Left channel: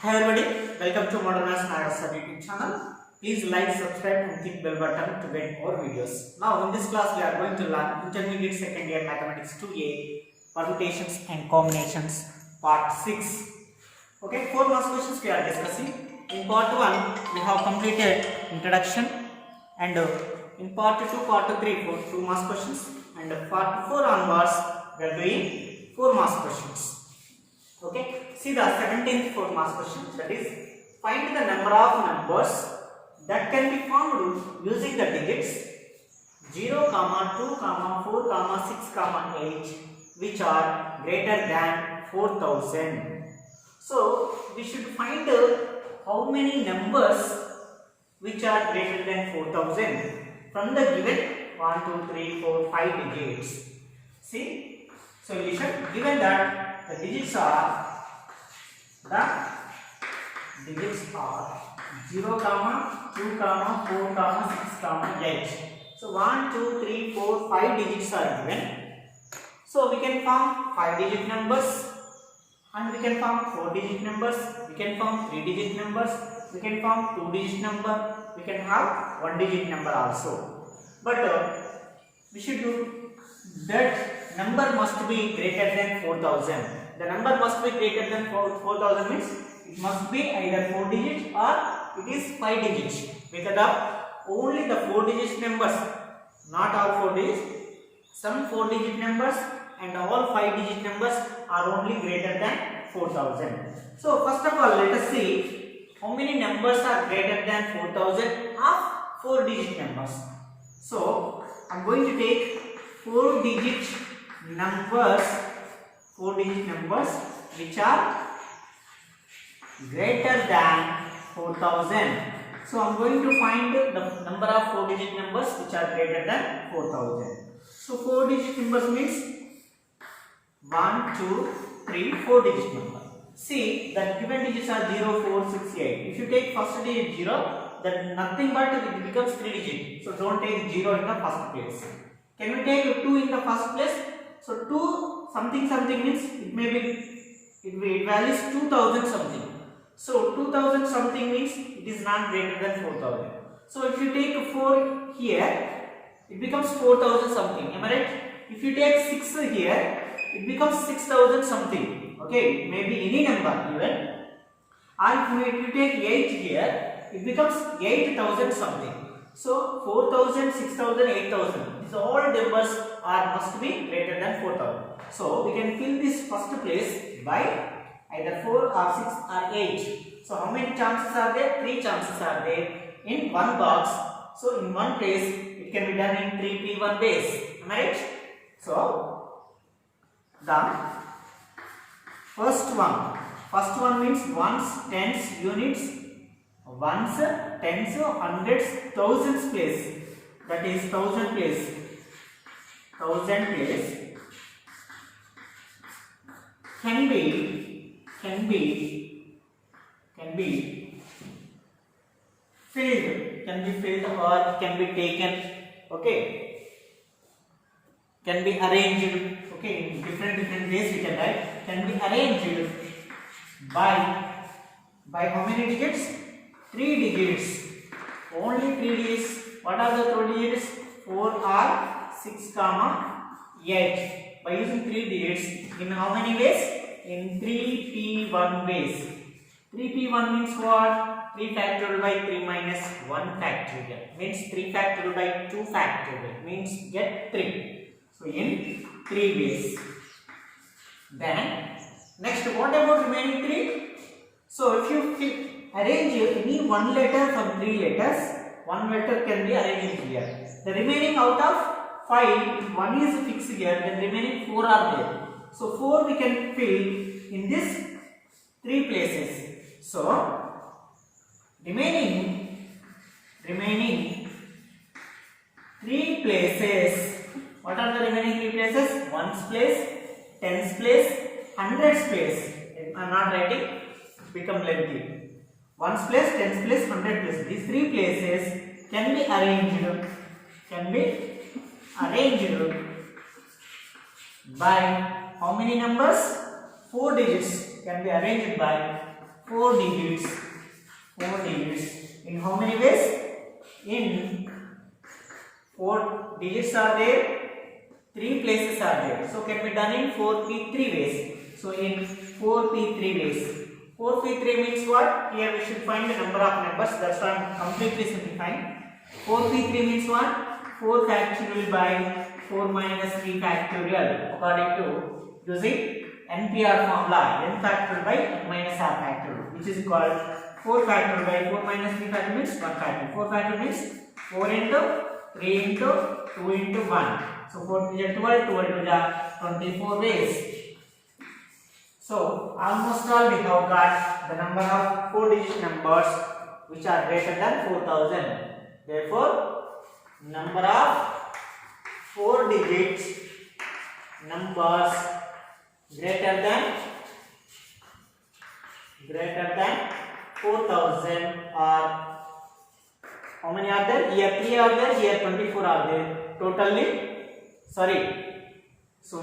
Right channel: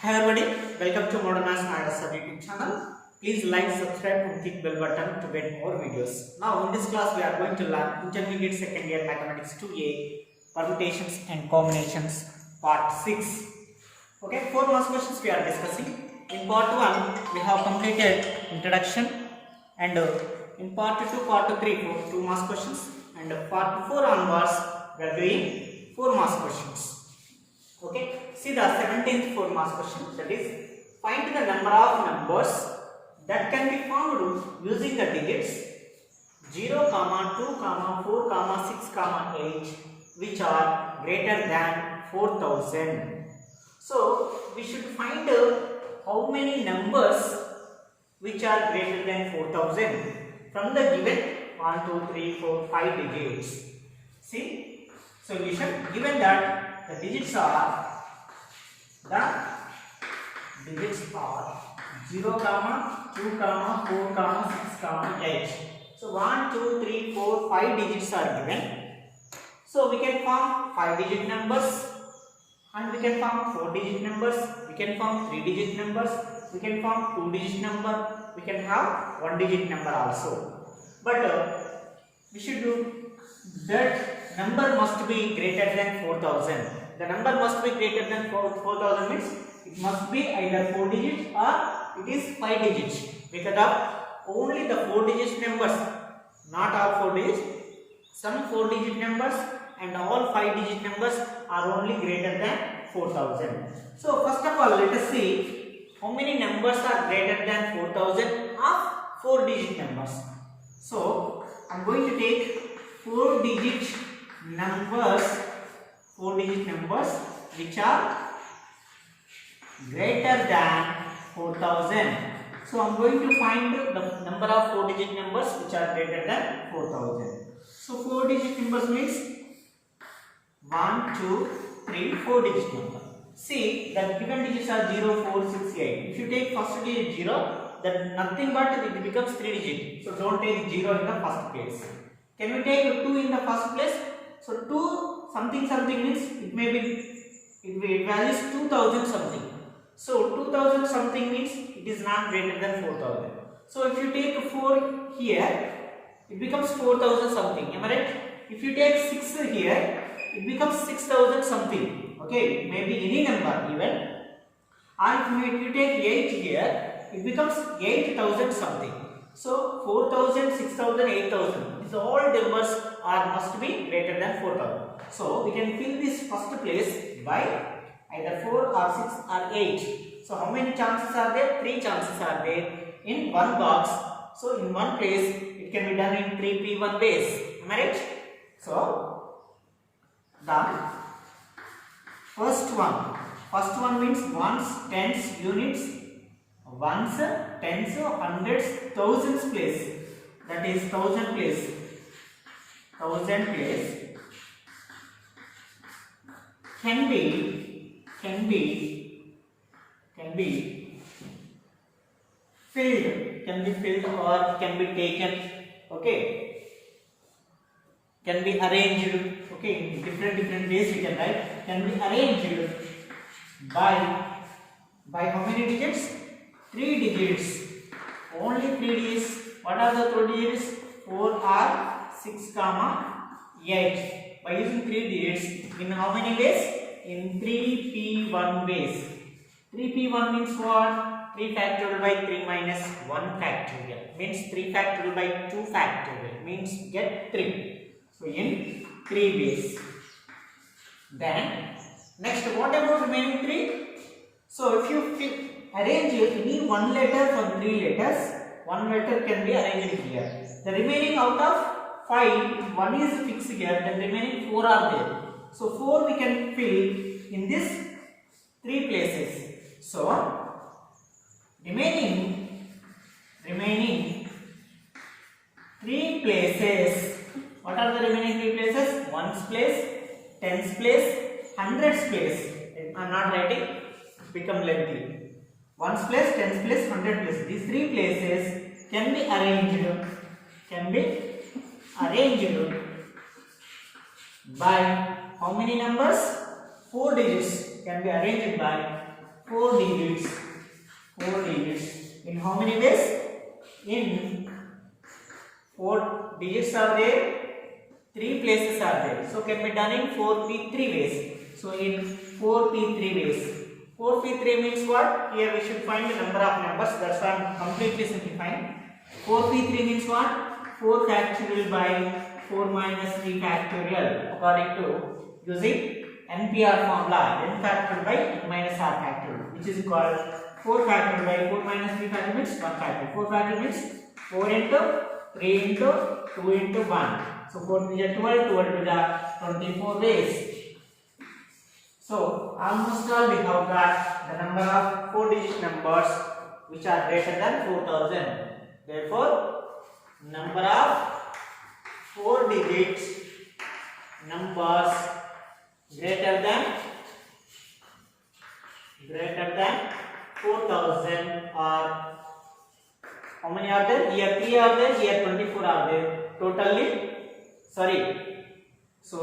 Hi everybody, welcome to Modern Maths Nagarasa YouTube channel. Please like, subscribe and click bell button to get more videos. Now in this class we are going to learn Intermediate Second Year Mathematics 2A Permutations and Combinations Part 6. Okay, 4 maths questions we are discussing. In Part 1 we have completed Introduction and in Part 2, Part 3 for 2 maths questions and Part 4 onwards we are doing 4 maths questions. Okay, see the 17th 4 maths question, that is find the number of numbers that can be found using the digits 0, 2, 4, 6, 8 which are greater than 4000. So we should find how many numbers which are greater than 4000 from the given 1, 2, 3, 4, 5 digits. See, solution given that the digits are 0, 2, 4, 6, 8. So 1, 2, 3, 4, 5 digits are given. So we can form 5-digit numbers and we can form 4-digit numbers, we can form 3-digit numbers, we can form 2-digit number, we can have 1-digit number also. But we should do that number must be greater than 4000. The number must be greater than 4000 means it must be either 4 digits or it is 5 digits, because of only the 4 digit numbers, not all 4 digits, some 4 digit numbers and all 5 digit numbers are only greater than 4000. So first of all let us see how many numbers are greater than 4000 of 4 digit numbers. So I am going to take 4 digit numbers which are greater than 4000. So I am going to find the number of 4 digit numbers which are greater than 4000. So 4 digit numbers means 1, 2, 3, 4 digit number. See, the given digits are 0, 4, 6, 8. If you take first digit 0, then nothing but it becomes 3 digit. So don't take 0 in the first place. Can we take 2 in the first place? So 2 something means it values 2000 something. So 2000 something means it is not greater than 4000. So if you take 4 here, it becomes 4000 something. Am I right? If you take 6 here, it becomes 6000 something. Okay, maybe any number even. And if you take 8 here, it becomes 8000 something. So 4000, 6000, 8000. These all numbers must be greater than 4000. So we can fill this first place by either 4 or 6 or 8. So how many chances are there? 3 chances are there in one box. So in one place it can be done in 3p1 ways. Am I right? So the first one means ones, tens, units, ones, tens, hundreds, thousands place. That is 1000 place. 1000 place can be filled or can be taken. Okay, can be arranged. Okay, in different ways we can write. Can be arranged by how many digits? 3 digits. Only 3 digits. What are the 3 digits? 4 or 6, 8. By using 3 digits in how many ways? In 3p1 ways. 3p1 means what? 3 factorial by 3 minus 1 factorial. Means 3 factorial by 2 factorial. Means get 3. So in 3 ways. Then next, what about remaining 3? So if you arrange any one letter from 3 letters, one letter can be arranged here. The remaining out of 5, one is fixed here, then remaining 4 are there. So 4 we can fill in this 3 places. So remaining 3 places. What are the remaining 3 places? Ones place, tens place, hundreds place. I am not writing, become lengthy. Ones place, tens place, hundred place. These 3 places can be arranged by how many numbers? 4 digits can be arranged by 4 digits. 4 digits. In how many ways? In 4 digits are there, 3 places are there. So can be done in 4p3 ways. So in 4p3 ways. 4p3 means what? Here we should find the number of numbers. That's why I am completely simplifying. 4p3 means what? 4 factorial by 4 minus 3 factorial according to using NPR formula. N factorial by n minus r factorial, which is called 4 factorial by 4 minus 3 factorial means 1 factorial. 4 factorial means 4 into 3 into 2 into 1. So 4 to the 12, 12 to the 24 ways. So almost all we have got the number of 4 digit numbers which are greater than 4000. Therefore, number of 4 digit numbers greater than 4000 are, how many are there? Here 3 are there, here 24 are there. Totally, sorry. So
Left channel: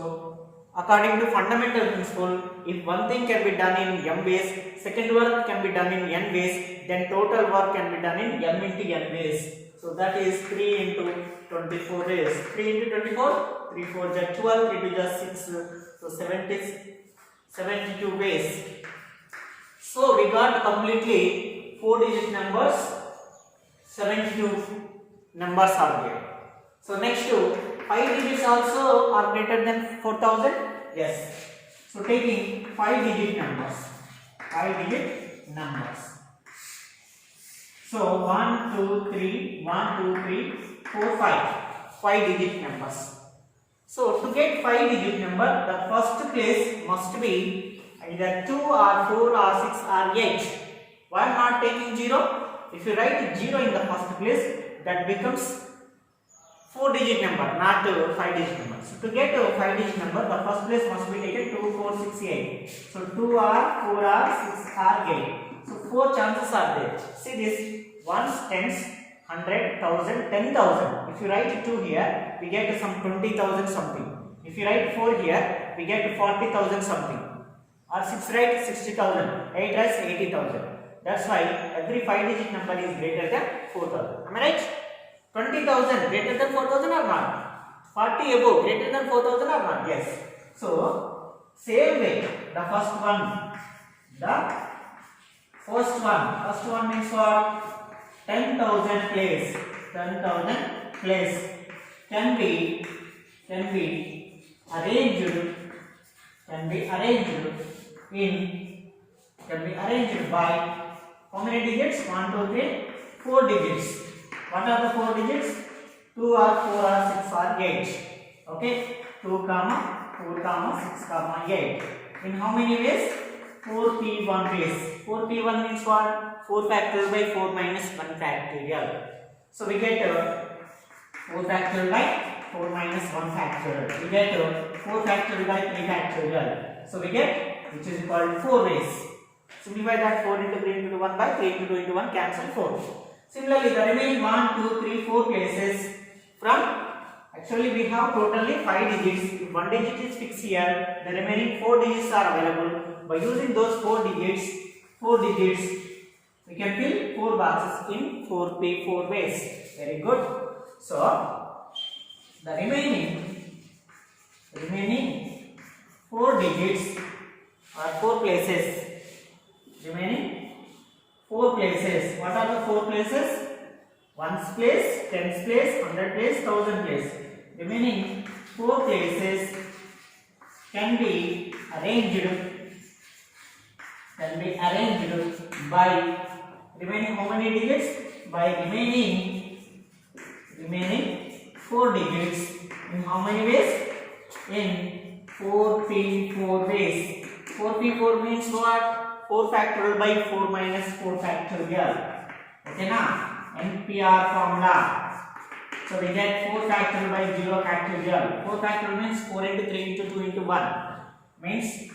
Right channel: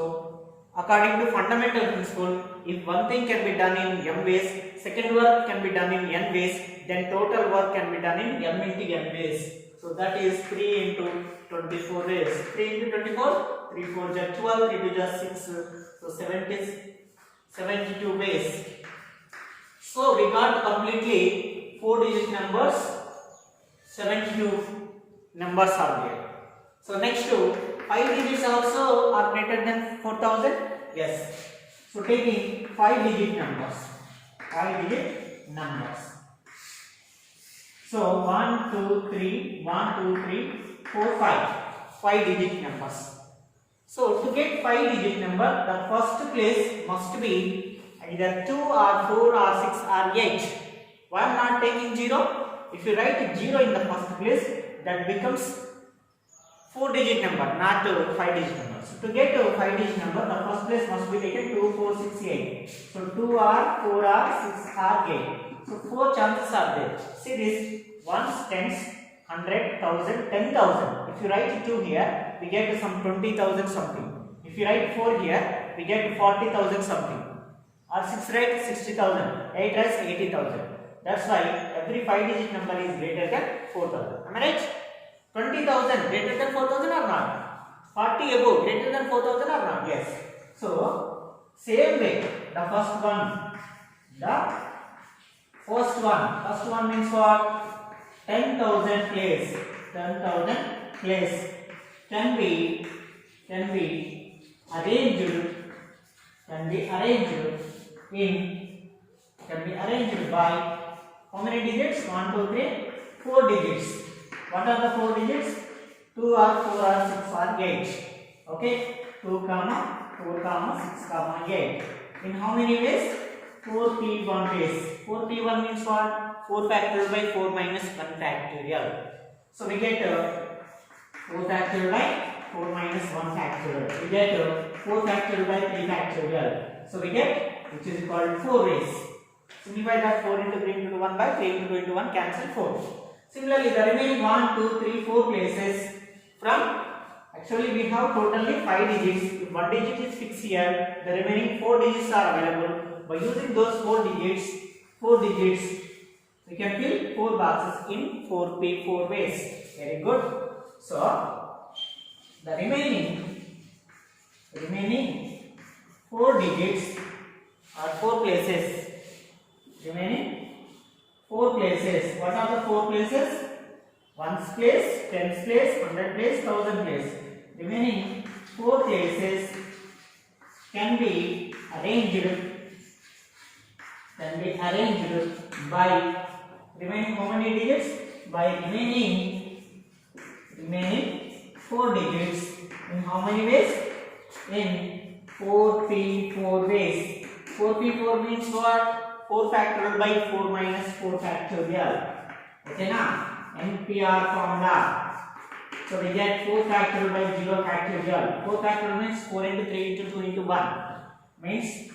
according to fundamental principle, if one thing can be done in m ways, second work can be done in n ways, then total work can be done in m into n ways. So that is 3 into 24 ways. 3 into 24, 3 4 is 12, 3 2 is 6, so 72 ways. So we got completely 4 digit numbers, 72 numbers are there. So next to 5 digits also are greater than 4000. Yes. So taking 5 digit numbers. 5 digit numbers. So 1, 2, 3, 1, 2, 3, 4, 5. 5 digit numbers. So to get 5 digit number, the first place must be either 2 or 4 or 6 or 8. Why not taking 0? If you write 0 in the first place, that becomes 4 digit number, not 5 digit number. So to get a 5 digit number, the first place must be taken 2, 4, 6, 8. So 2 or 4 or 6 or 8. So 4 chances are there. See this, ones, tens, 100, 1000, 10,000. If you write 2 here, we get some 20,000 something. If you write 4 here, we get 40,000 something. Or 6 write 60,000. 8 writes 80,000. That's why every 5 digit number is greater than 4,000. Am I right? 20,000 greater than 4,000 or not? 40 above greater than 4,000 or not? Yes. So, same way, the first one means what? 10,000 place. 10,000 place can be arranged by how many digits? 1, 2, 3, 4 digits. What are the 4 digits? 2 or 4 or 6 or 8. Okay? 2, 4, 6, 8. In how many ways? 4p1 ways. 4p1 means what? 4 factorial by 4 minus 1 factorial. So we get 4 factorial by 4 minus 1 factorial. We get 4 factorial by 3 factorial. So we get, which is called 4 ways. Simplify that 4 into 3 into 1 by 3 into 2 into 1, cancel 4. Similarly, the remaining 1, 2, 3, 4 places from, actually we have totally 5 digits. If 1 digit is fixed here, the remaining 4 digits are available. By using those 4 digits, we can fill 4 boxes in 4p4 ways. Very good. So, the remaining 4 digits are 4 places. Remaining 4 places. What are the 4 places? 1's place, 10's place, 100 place, 1000 place. Remaining 4 places can be arranged by remaining how many digits? By remaining 4 digits in how many ways? In 4p4 ways. 4p4 means what? 4 factorial by 4 minus 4 factorial. Okay na? NPR formula. So we get 4 factorial by 0 factorial. 4 factorial means 4 into 3 into 2 into 1. Means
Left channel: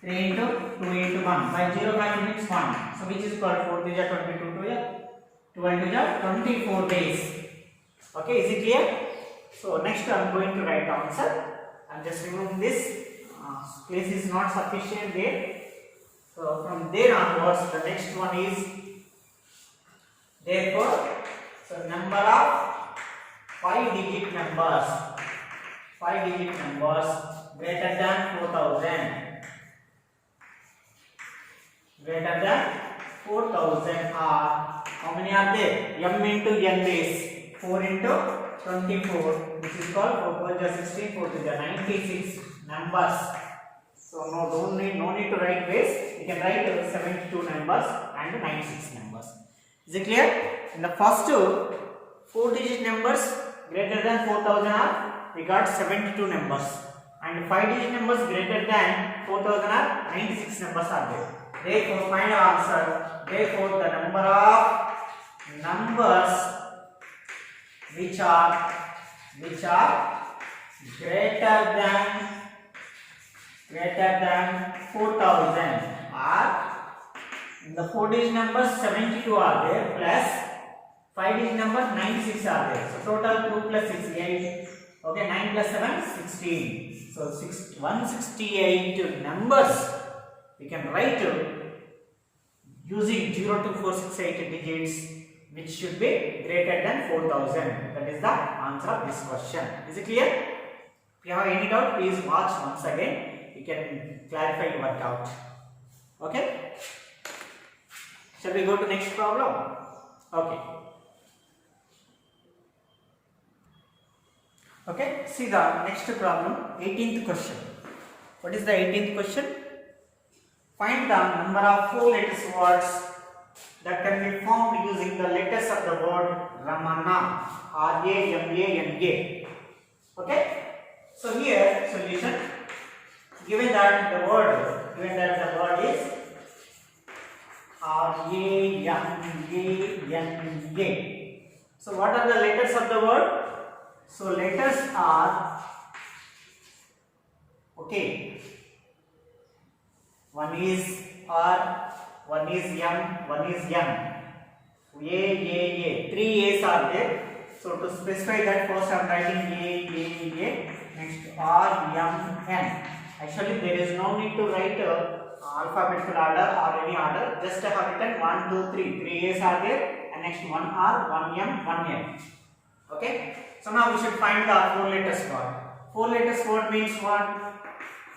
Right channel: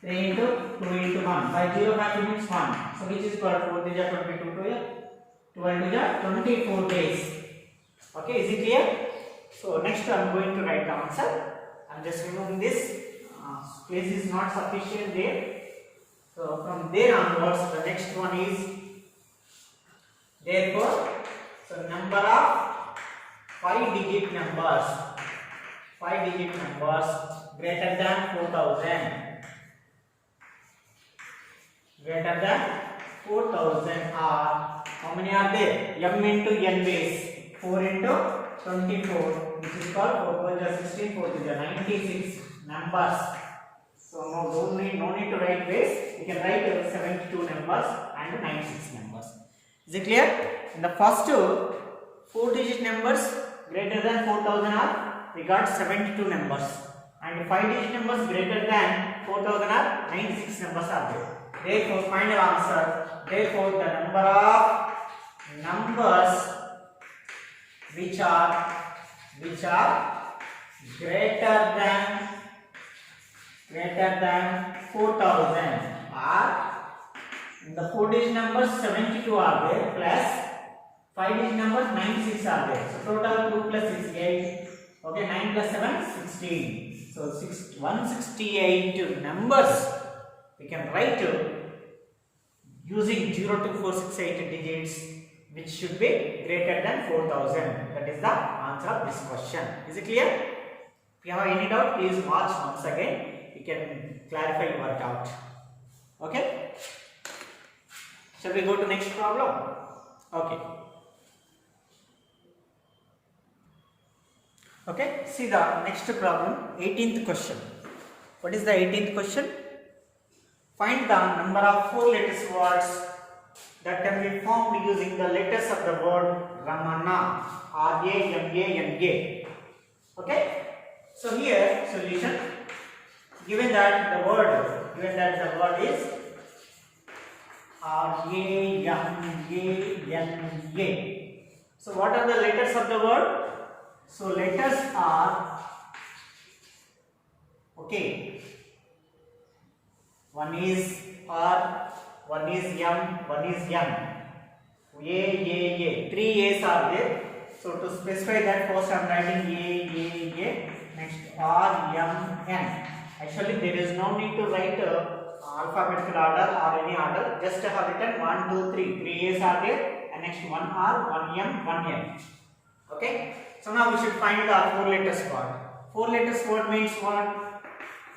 3 into 2 into 1. By 0 factorial means 1. So which is called 4 to the 22 to the 12 to the 24 days. Okay, is it clear? So next I am going to write the answer. I am just removing this. Place is not sufficient there. So from from there onwards, the next one is therefore, so number of 5-digit numbers, 5-digit numbers greater than 4000, greater than 4000 are, how many are there? M into n base, 4 into 24, which is called 4 to 16, 4 to 96 numbers. So no need to write base. You can write 72 numbers and 96 numbers. Is it clear? In the first 4-digit numbers greater than 4000 are, we got 72 numbers, and 5-digit numbers greater than 4000 are 96 numbers are there. Therefore, final answer. Therefore, the number of numbers which are greater than 4000 are, in the 4-digit numbers 72 are there, plus 5-digit numbers 96 are there. So total 2 plus 6 8. Okay, 9 plus 7 16. So 168 numbers we can write using 0 to 468 digits, which should be greater than 4000. That is the answer of this question. Is it clear? If you have any doubt, please watch once again. You can clarify and work out. Okay? Shall we go to next problem? Okay. Okay, see the next problem, 18th question. What is the 18th question? Find the number of 4 letters words that can be formed using the letters of the word Ramana, R-A-M-A-N-A. Okay? So here, solution, given that the word is R-A-M-A-N-A. So what are the letters of the word? So letters are, okay, one is R, one is M, one is N. A. 3 A's are there. So to specify that, first I am writing A. Next R, M, N. Actually, there is no need to write alphabetical order or any order. Just I have written 1, 2, 3. 3 A's are there, and next 1 R, 1 M, 1 N. Okay. So now we should find the 4 letters word. 4 letters word means what?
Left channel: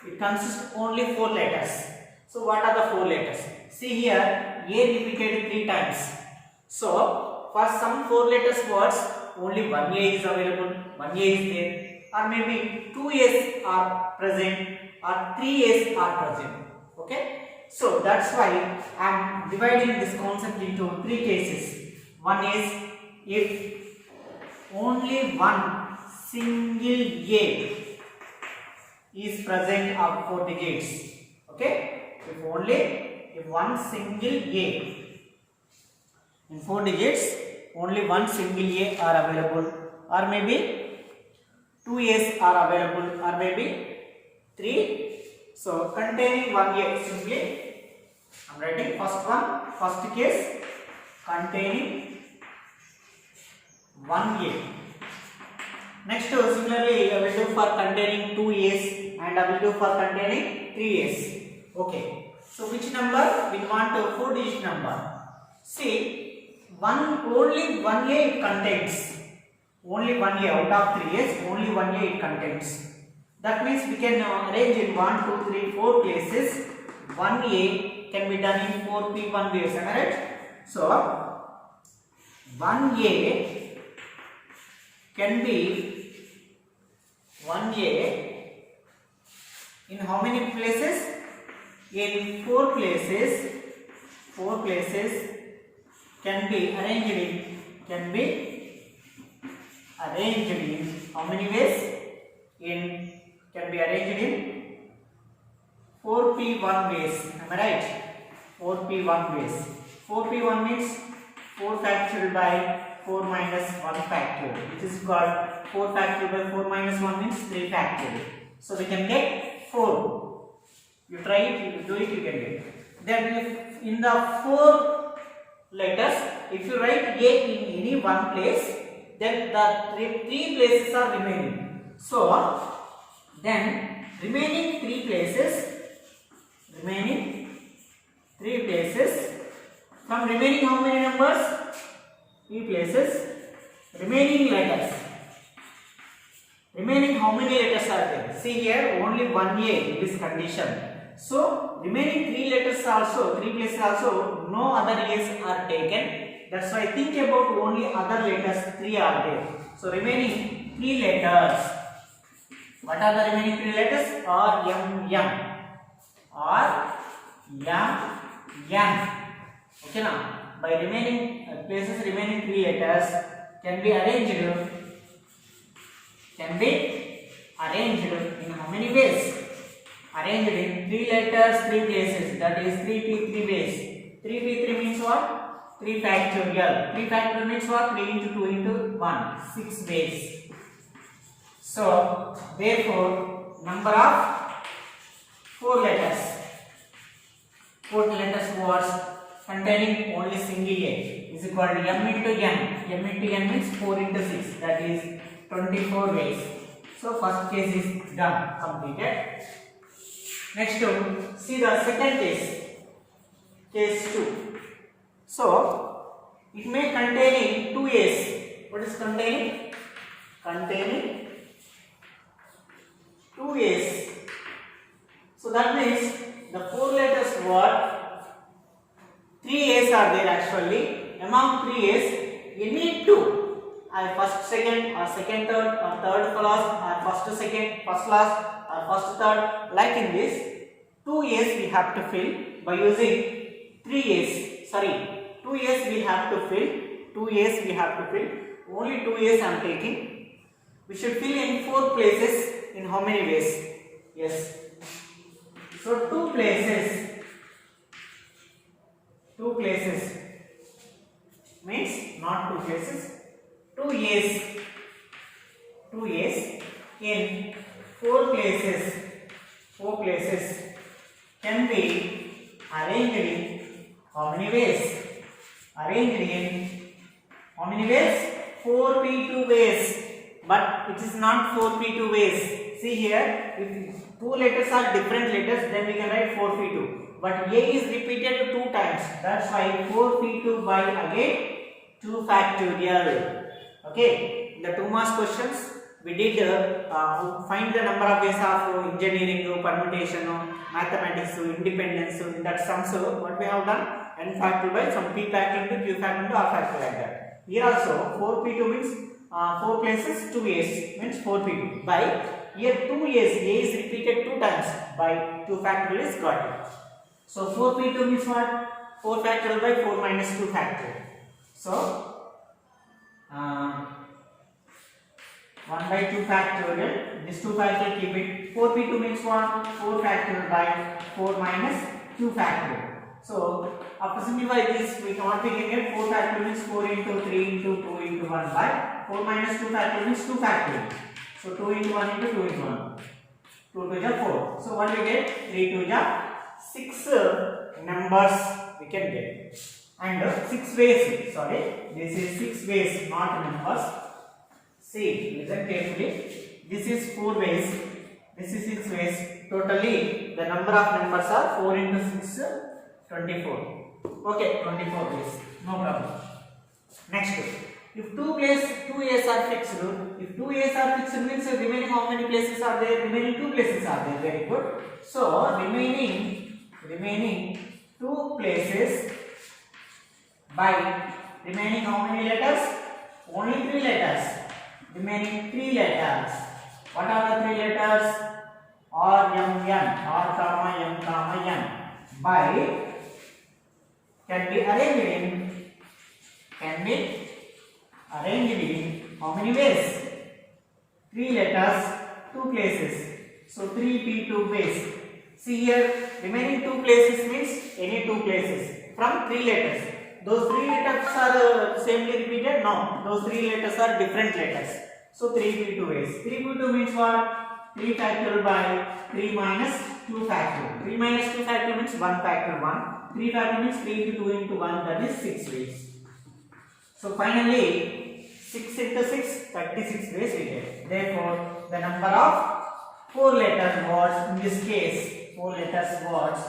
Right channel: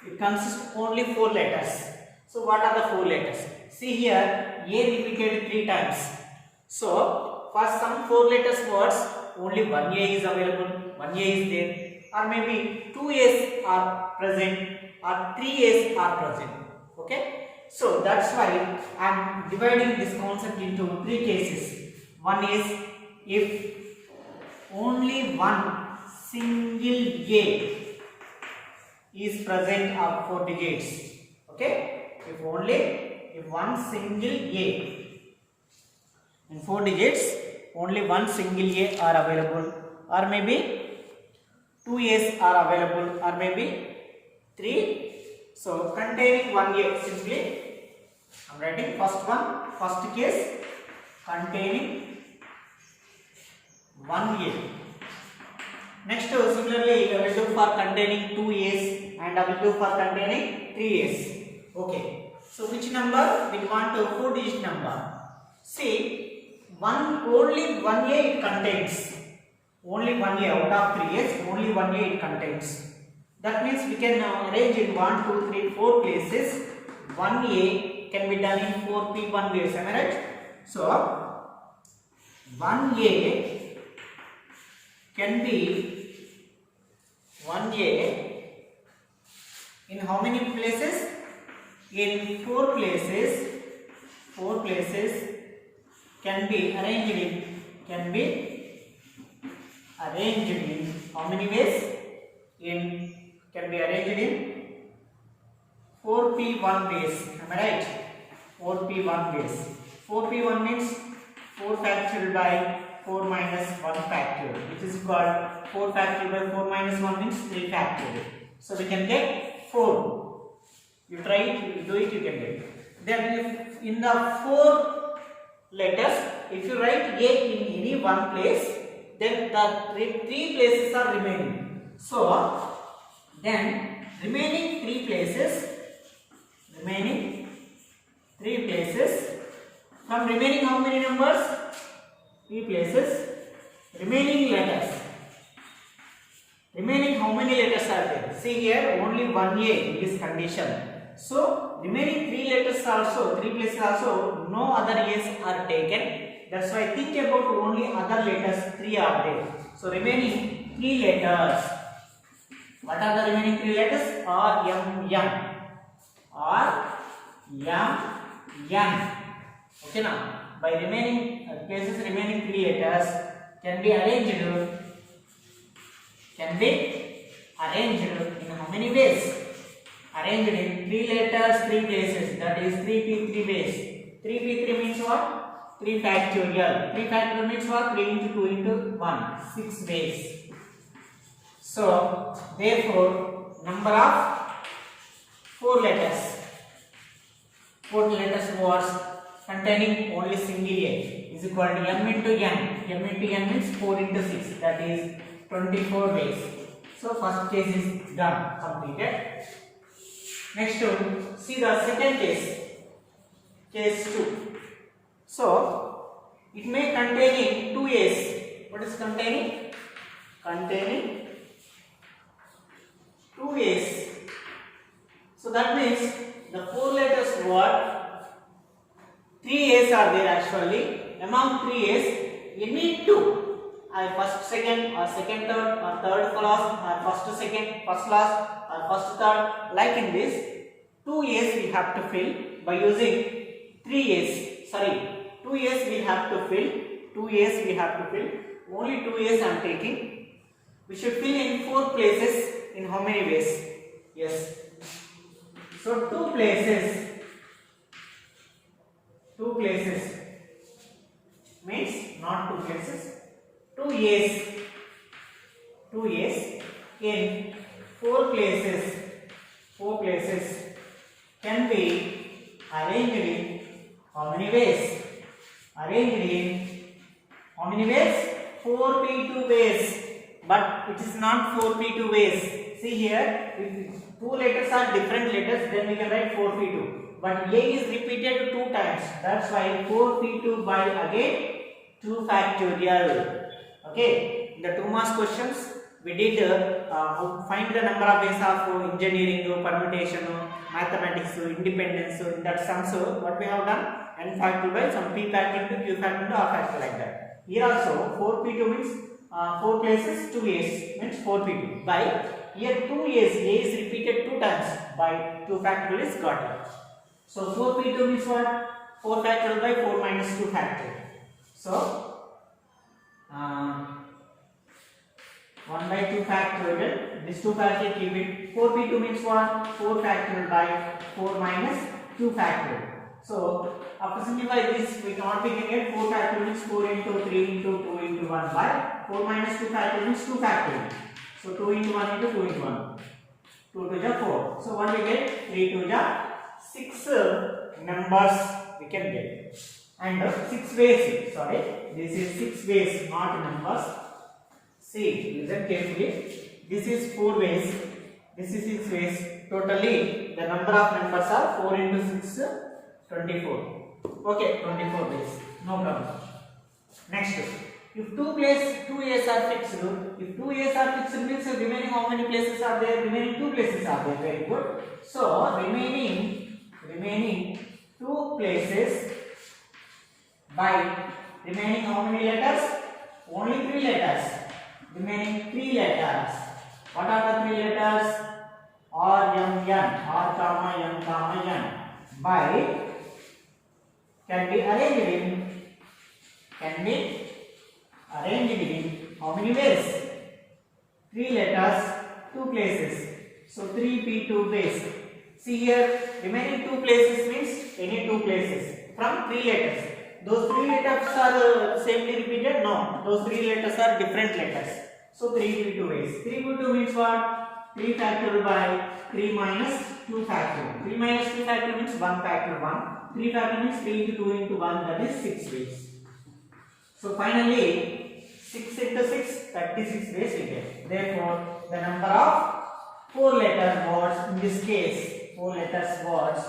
It consists only 4 letters. So what are the 4 letters? See here, A repeated 3 times. So for some 4 letters words, only 1 A is available, 1 A is there, or maybe 2 A's are present, or 3 A's are present. Okay. So that's why I am dividing this concept into 3 cases. One is if only one single A is present of 4 digits. Okay. If one single A in 4 digits, only one single A are available, or maybe 2 A's are available, or maybe 3. So containing 1 A simply I am writing first case containing 1 A. Next, similarly, I will do for containing 2 A's, and I will do for containing 3 A's. Okay. So which number we want? A 4-digit number. See, only 1 A it contains. Only 1 A out of 3 A's, only 1 A it contains. That means we can arrange in 1, 2, 3, 4 places. 1 A can be done in 4 P1 ways. Am I right? So 1 A can be 1 A in how many places? In 4 places. 4 places can be arranged in how many ways? Can be arranged in 4P1 ways. Am I right? 4P1 ways. 4P1 means 4 factorial by 4 minus 1 factorial, which is called 4 factorial by 4 minus 1 means 3 factorial. So we can get 4. You try it, you do it, you can get. Then if in the 4 letters, if you write A in any one place, then the 3 places are remaining. So remaining 3 places From remaining how many numbers? 3 places. Remaining letters. Remaining how many letters are there? See here, only one A in this condition. So remaining 3 letters also, 3 places also, no other A's are taken. That's why think about only other letters, 3 are there. So remaining 3 letters. What are the remaining 3 letters? R, M, N. R, M, N. Okay now, by remaining places, remaining 3 letters can be arranged in how many ways? Arranged in 3 letters, 3 places, that is 3p3 ways. 3p3 means what? 3 factorial. 3 factorial means what? 3 into 2 into 1, 6 ways. So therefore number of 4 letters. 4 letters words containing only single A is equal to M into N. M into N means 4 into 6, that is 24 ways. So first case is done, completed. Next to see the second case, case 2. So it may containing 2 A's. What is containing? Containing 2 A's. So that means the 4 letters word, 3 A's are there actually. Among 3 A's, any 2 are first, second, or second, third, or third, first, or first, second, first, last, or first, third. Like in this, 2 A's we have to fill by using 3 A's. Sorry, 2 A's we have to fill. 2 A's we have to fill. Only 2 A's I am taking. We should fill in 4 places. In how many ways? Yes. So 2 places. 2 places means not 2 places. 2 A's. 2 A's in 4 places. 4 places can be arranged in how many ways? Arranged in how many ways? 4p2 ways. But it is not 4p2 ways. See here, if 2 letters are different letters, then we can write 4p2. But A is repeated 2 times. That's why 4p2 by again 2 factorial. Okay, in the 2 marks questions, we did find the number of ways of engineering, permutation, mathematics, independence. In that sums, what we have done? N factorial by some p factorial into q factorial into r factorial like that. Here also 4p2 means 4 places, 2 A's means 4p2. By here 2 A's, A is repeated 2 times by 2 factorial is got it. So 4p2 means what? 4 factorial by 4 minus 2 factorial. So 1 by 2 factorial, this 2 factorial keep it. 4p2 means what? 4 factorial by 4 minus 2 factorial. So after simplify this, we cannot be getting 4 factorial means 4 into 3 into 2 into 1 by 4 minus 2 factorial means 2 factorial. So 2 into 1 into 2 into 1. 2 to the 4. So what we get? 3 to the 6 numbers we can get. And 6 ways, sorry, this is 6 ways, not numbers. See, listen carefully. This is 4 ways, this is 6 ways. Totally, the number of numbers are 4 into 6, 24. Okay, 24 ways, no problem. Next, if 2 A's are fixed, if 2 A's are fixed means remaining how many places are there? Remaining 2 places are there. Very good. So remaining 2 places by remaining how many letters? Only 3 letters. Remaining 3 letters. What are the 3 letters? R, M, N. R, comma, M, comma, N. By can be arranged in how many ways? 3 letters, 2 places. So 3p2 ways. See here, remaining 2 places means any 2 places from 3 letters. Those 3 letters are samely repeated? No, those 3 letters are different letters. So 3p2 ways. 3p2 means what? 3 factorial by 3 minus 2 factorial. 3 minus 2 factorial means 1 factorial 1. 3 factorial means 3 into 2 into 1, that is 6 ways. So finally 6 into 6, 36 ways we get. Therefore the number of 4 letter words in this case, 4 letters words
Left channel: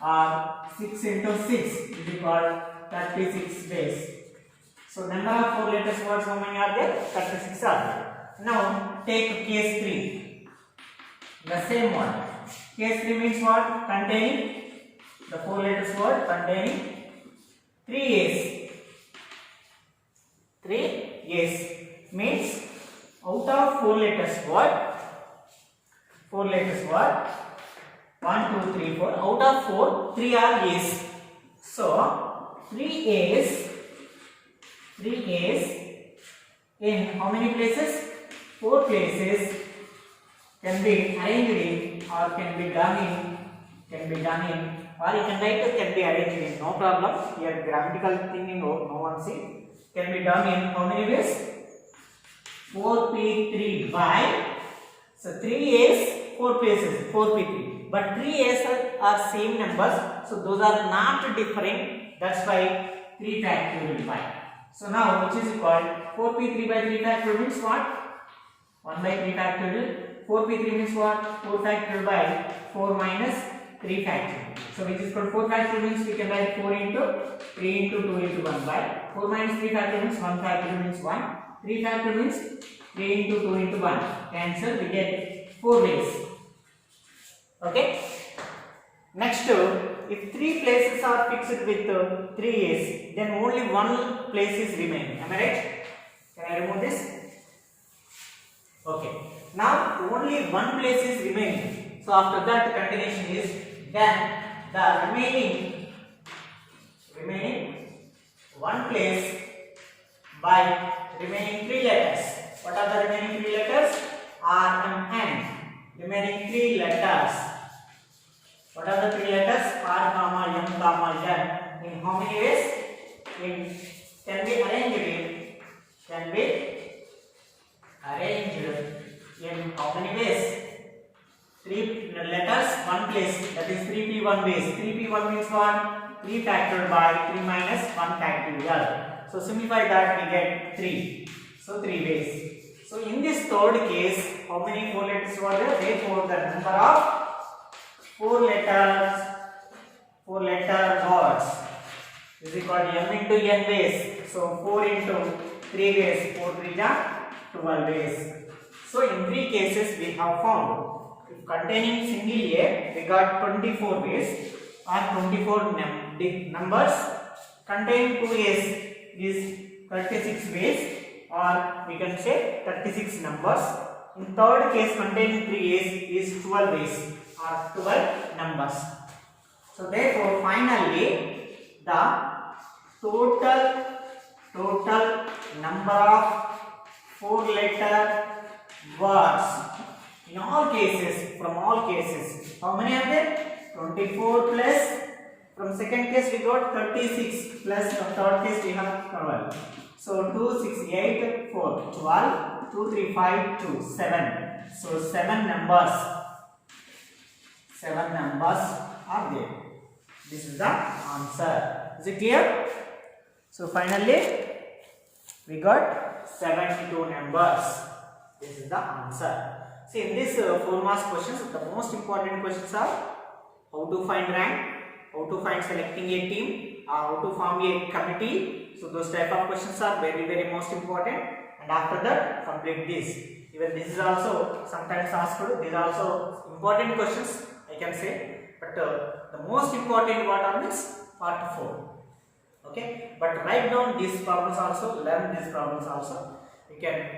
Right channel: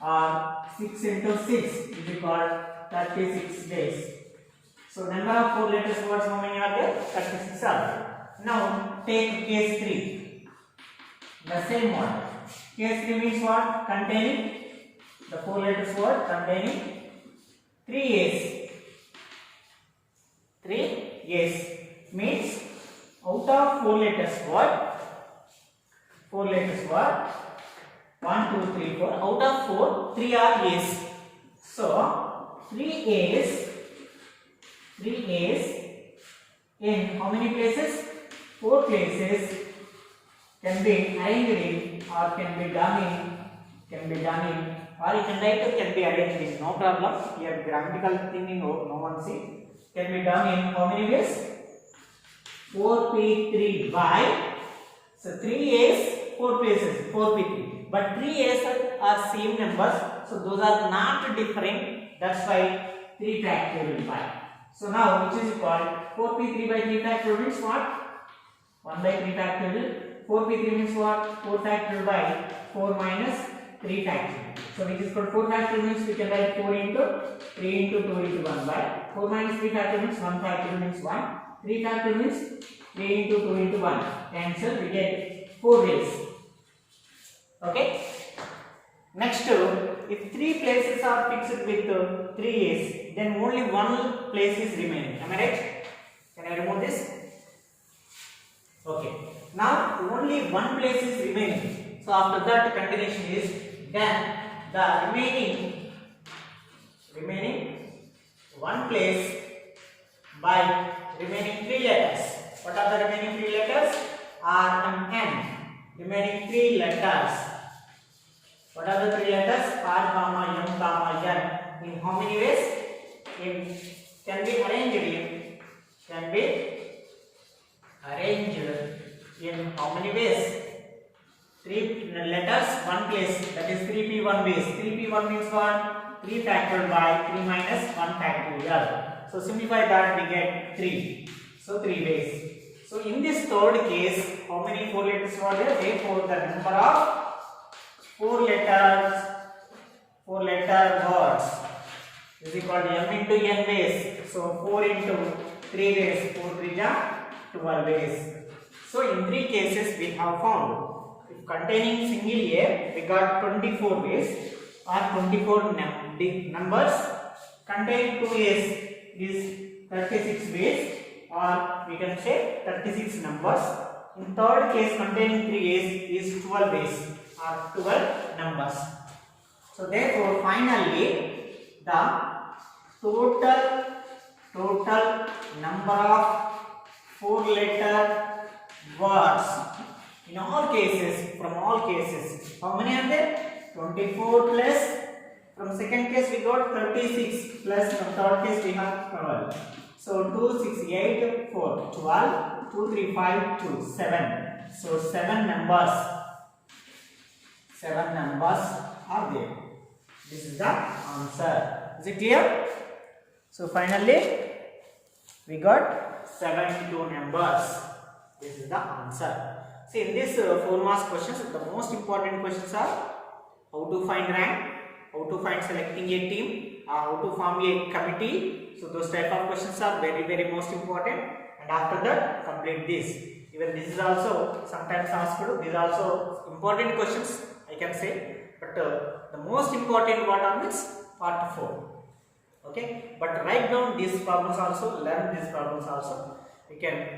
are 6 into 6 is equal 36 ways. So number of 4 letters words, how many are there? 36 are there. Now take case 3. The same one. Case 3 means what? Containing the 4 letters word containing 3 A's. 3 A's means out of 4 letters word, 4 letters word, 1, 2, 3, 4. Out of 4, 3 are A's. So 3 A's in how many places? 4 places can be arranged in or can be done in, or you can write it can be arranged in, no problem. Here grammatical thing in no one see. Can be done in how many ways? 4p3 by, so 3 A's, 4 places, 4p3. But 3 A's are same numbers, so those are not different. That's why 3 factorial by. So now which is equal 4p3 by 3 factorial means what? 1 by 3 factorial. 4p3 means what? 4 factorial by 4 minus 3 factorial. So which is called 4 factorial means we can write 4 into 3 into 2 into 1 by 4 minus 3 factorial means 1 factorial means 1. 3 factorial means 3 into 2 into 1. Answer we get 4 ways. Okay. Next, if 3 places are fixed with 3 A's, then only 1 place is remaining. Am I right? Can I remove this? Okay. Now only 1 place is remaining. So after that the continuation is then the remaining 1 place by remaining 3 letters. What are the remaining 3 letters? R, M, N. Remaining 3 letters. What are the 3 letters? R, comma, M, comma, N. In how many ways? Can be arranged in how many ways? 3 letters, 1 place. That is 3p1 ways. 3p1 means what? 3 factorial by 3 minus 1 factorial. So simplify that, we get 3. So 3 ways. So in this third case, how many 4 letters were there? Therefore, the number of 4 letter words is equal to m into n ways. So 4 into 3 ways, 4 3 are 12 ways. So in 3 cases we have found, if containing single A, we got 24 ways or 24 numbers. Containing 2 A's is 36 ways, or we can say 36 numbers. In third case, containing 3 A's is 12 ways or 12 numbers. So therefore, finally, the total number of 4 letter words in all cases, from all cases, how many are there? 24 plus, from second case we got 36 plus from third case we have 12. So 2, 6, 8, 4, 12, 2, 3, 5, 2, 7. So 7 numbers are there. This is the answer. Is it clear? So finally we got 72 numbers. This is the answer. See, in this 4 marks questions, the most important questions are how to find rank, how to find selecting a team, how to form a committee. So those type of questions are very most important. And after that, complete this. Even this is also sometimes asked. These are also important questions, I can say. But the most important one is part 4. Okay. But write down these problems also. Learn these problems also. We can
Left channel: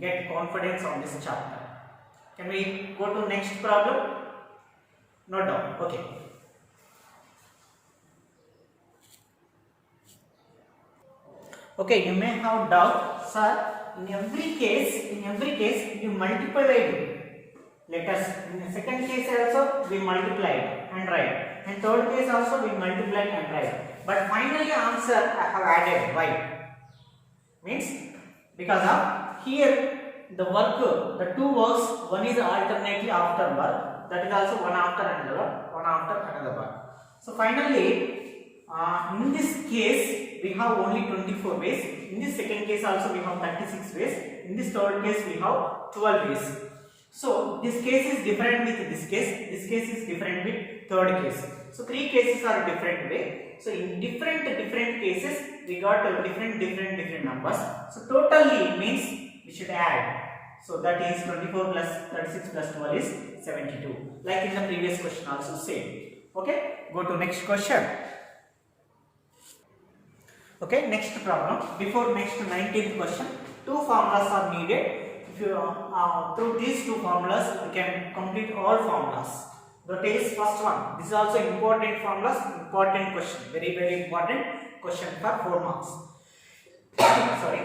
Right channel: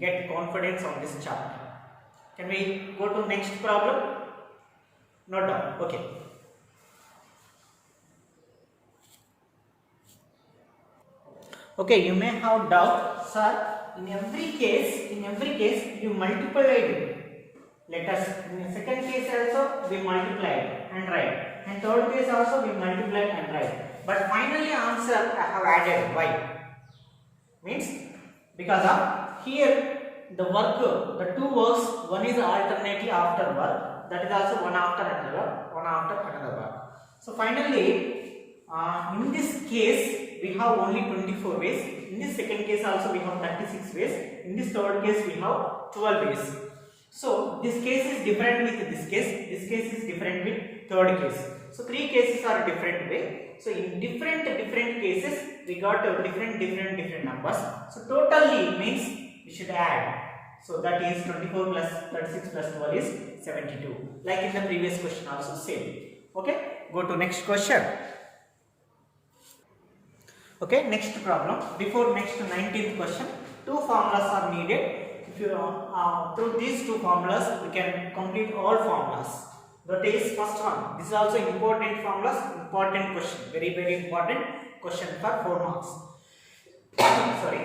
get confidence on this chapter. Can we go to next problem? Note down. Okay. Okay, you may have doubt, sir. In every case, you multiplied letters. In the second case also we multiplied and write, and third case also we multiplied and write. But finally answer I have added. Why? Means because of here the work, the 2 works, one is alternately after work, that is also one after another work. So finally, in this case we have only 24 ways. In this second case also we have 36 ways. In this third case we have 12 ways. So this case is different with this case. This case is different with third case. So 3 cases are different way. So in different cases we got different numbers. So totally means we should add. So that is 24 plus 36 plus 12 is 72. Like in the previous question also same. Okay, go to next question. Okay, next problem. Before next 19th question, two formulas are needed. If you through these two formulas, we can complete all formulas. That is first one. This is also important formulas, important question, very important question for 4 marks. Sorry.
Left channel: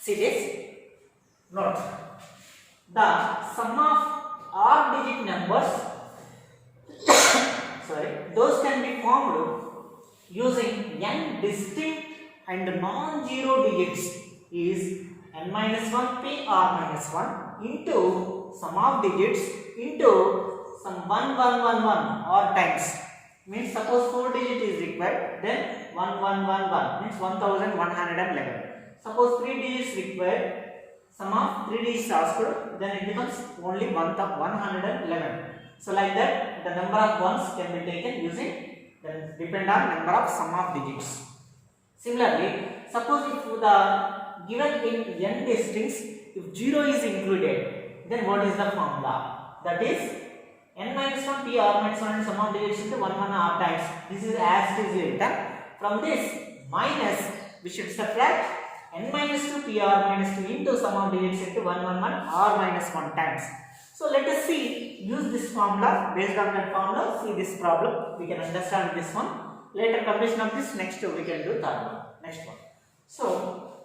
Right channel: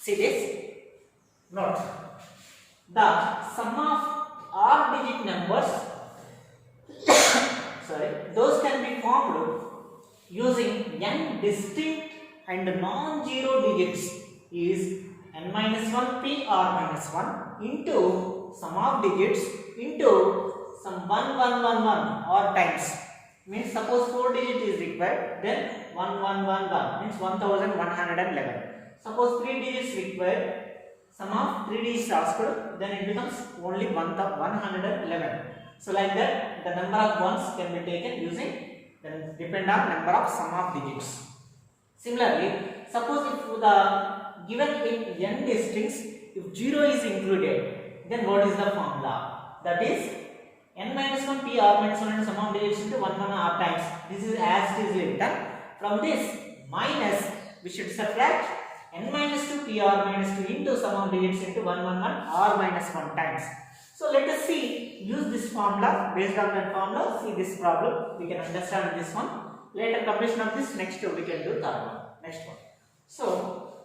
See this. Note. The sum of odd-digit numbers, sorry, those can be formed using n distinct and non-zero digits is n minus 1 p r minus 1 into sum of digits into some 1111 or times. Means suppose 4 digit is required, then 1111 means 1111. Suppose 3 digits required, sum of 3 digits asked, then it becomes only 111. So like that the number of ones can be taken using, then depend on number of sum of digits. Similarly, suppose if the given in n districts, if 0 is included, then what is the formula? That is n minus 1 p r minus 1 and sum of digits into 1 1 r times. This is as it is written. From this minus we should subtract n minus 2 p r minus 2 into sum of digits into 1 1 1 r minus 1 times. So let us see, use this formula. Based on that formula, see this problem, we can understand this one. Later completion of this, next we can do third one. Next one. So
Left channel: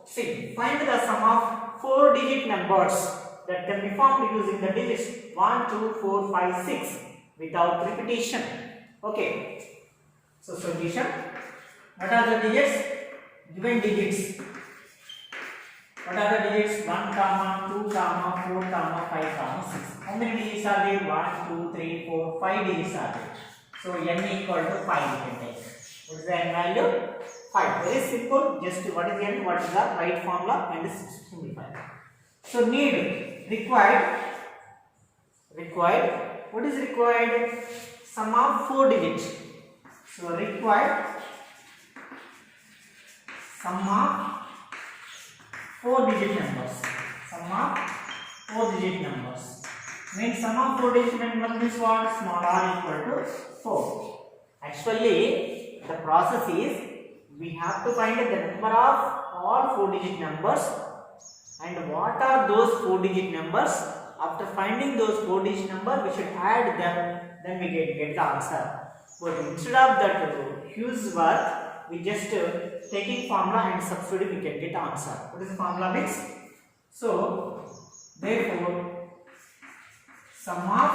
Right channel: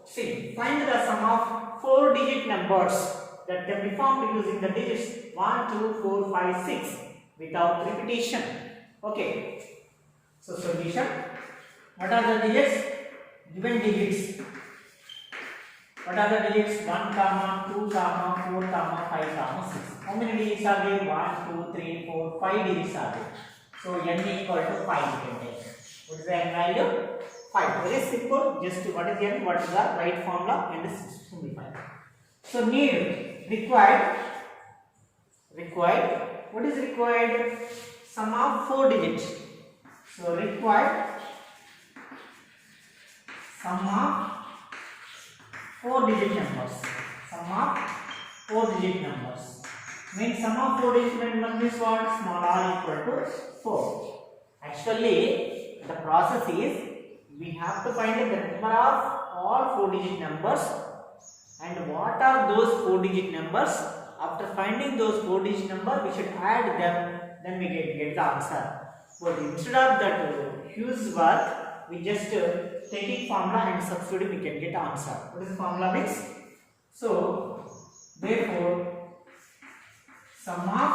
see, find the sum of 4 digit numbers that can be formed using the digits 1 2 4 5 6 without repetition. Okay, so solution. What are the digits? Given digits. What are the digits? 1 comma 2 comma 4 comma 5 comma 6. How many digits are there? 1 2 3 4 5 digits are there. So n equal to 5 you can take. What is the n value? 5. Very simple. Just what is n, what is the right formula, and simplify. So need, required. What is required? Sum of 4 digits. So required sum of 4 digit numbers. Sum of 4 digit numbers. Means sum of 4 digit numbers means what? Small r equal to 4. Actually, the process is we have to find the number of all 4 digit numbers and what are those 4 digit numbers. After finding those 4 digit numbers, we should add them, then we get the answer. But instead of that huge work, we just taking formula and substitute, we can get the answer. What is the formula means? So therefore sum of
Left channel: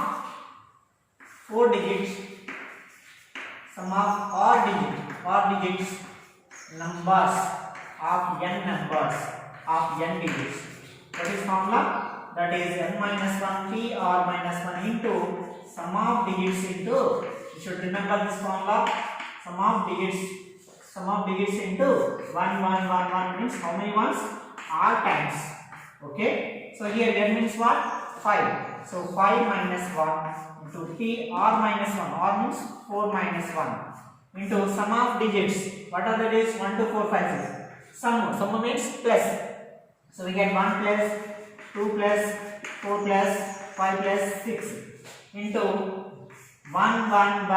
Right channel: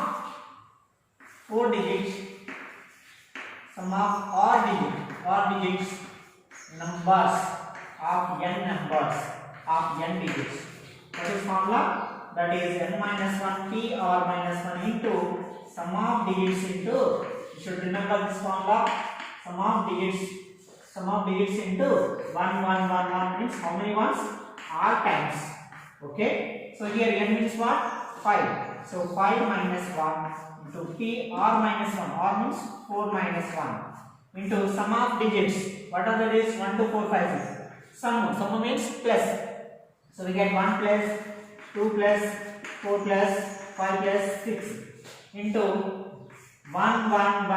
4 digits, sum of odd digits numbers of n numbers of n digits. What is formula? That is n minus 1 p r minus 1 into sum of digits into, you should remember this formula, sum of digits into 1 1 1 1 means how many ones? R times. Okay, so here n means what? 5. So 5 minus 1 into p r minus 1, r means 4 minus 1 into sum of digits. What are the digits? 1 2 4 5 6. Sum means plus. So we get 1 plus 2 plus 4 plus 5 plus 6 into 1 1 1 1.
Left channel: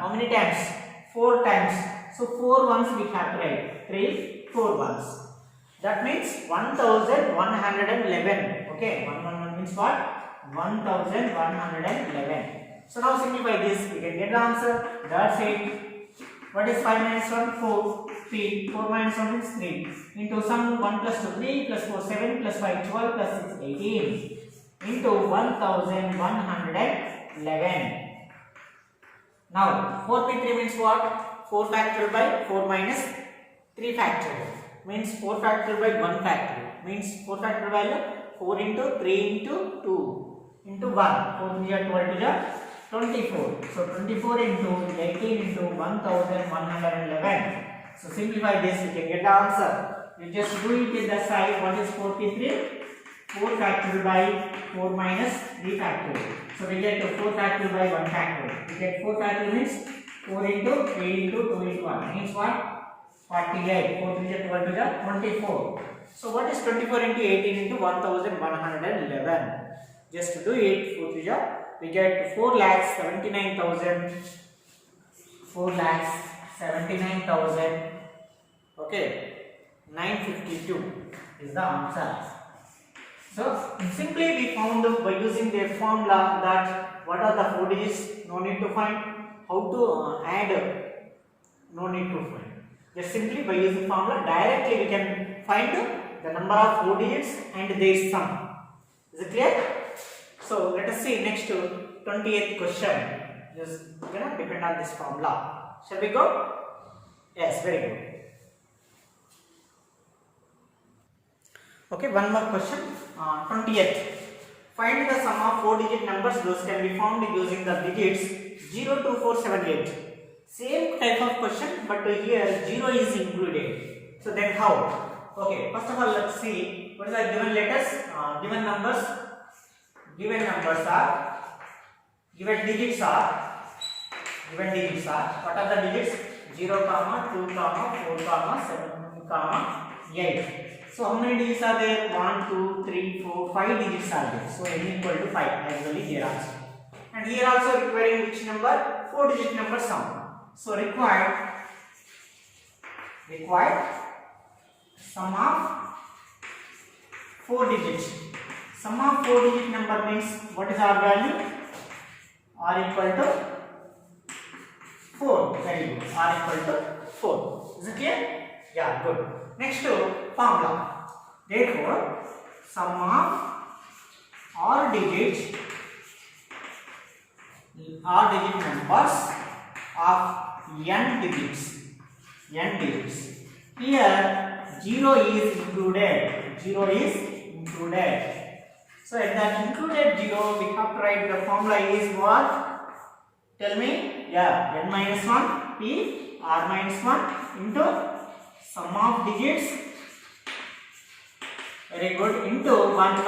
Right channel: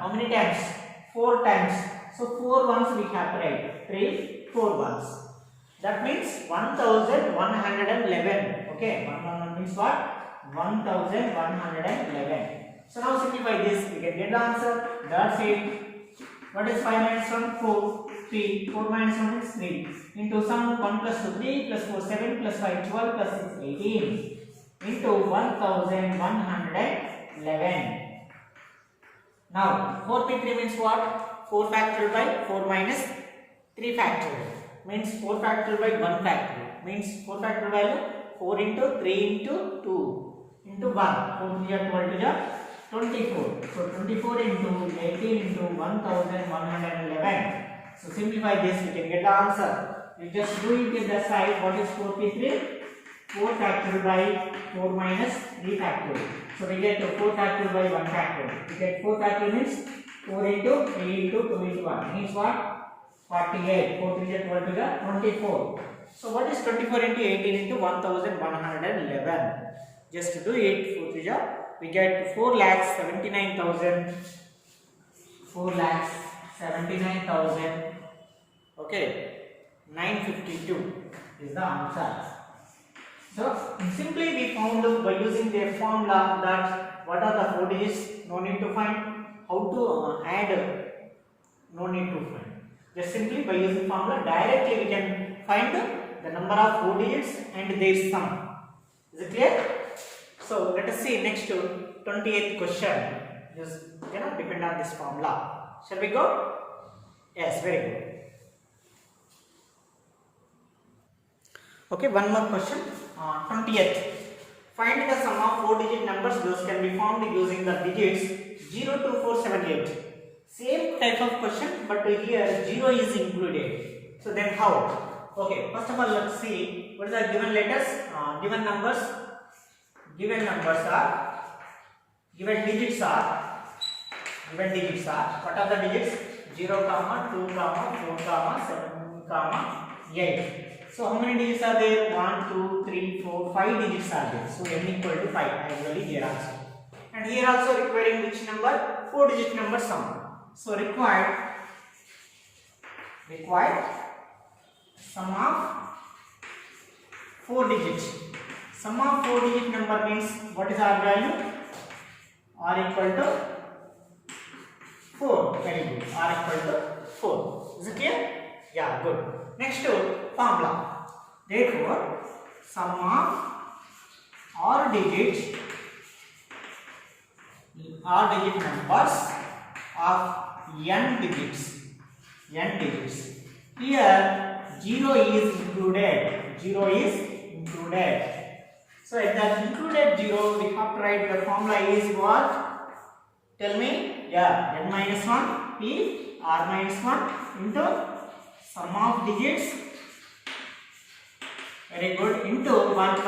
How many times? 4 times. So 4 ones we have to write. 3 4 ones. That means 1111. Okay, 111 means what? 1111. So now simplify this, we can get the answer. That's it. What is 5 minus 1? 4. 3. 4 minus 1 is 3. Into sum 1 plus 2, 3 plus 4, 7 plus 5, 12 plus 6, 18. Into 1111. Now 4p3 means what? 4 factorial by 4 minus 3 factorial. Means 4 factorial by 1 factorial. Means 4 factorial value 4 into 3 into 2 into 1. 4 3 are 12 to 24. So 24 into 18 into 1111. So simplify this, you can get the answer. You just do it in the side. What is 4p3? 4 factorial by 4 minus 3 factorial. So we get 4 factorial by 1 factorial. We get 4 factorial means 4 into 8 into 2 into 1 means what? 48. 4 3 12 to the 24. So what is 24 into 18 into 1111? Just to do it, 4 3 we get 4,79,000. 4,79,000. Okay, 952 is the answer. So simply we found by using the formula that what are the 4 digits, no need to find. How to add, no need to find. Just simply by using formula directly we can find the number of 4 digits and their sum. Is it clear? So let us see next 28th question. Just depend on this formula. Shall we go? Yes, very good. Okay, one more question. 20th. Find the sum of 4 digit numbers. Those can be found using the digits 0, 2, 4, 7, 8. Same type of question, but here 0 is included. So then how? Okay, first of all let's see what are the given letters, given numbers are, given digits are, what are the digits? 0, 2, 4, 7, 8. So how many digits are there? 1, 2, 3, 4, 5 digits are there. So n equal to 5 actually here also. And here also requiring which number? 4 digit number sum. So required sum of 4 digits. Sum of 4 digit number means what is our value? R equal to 4. Very good. R equal to 4. Is it clear? Yeah, good. Next formula. Therefore, sum of R digit numbers of n digits. Here 0 is included. So at that included 0, we have to write the formula is what? Tell me. Yeah, n minus 1 p r minus 1 into sum of digits. Very good. Into 111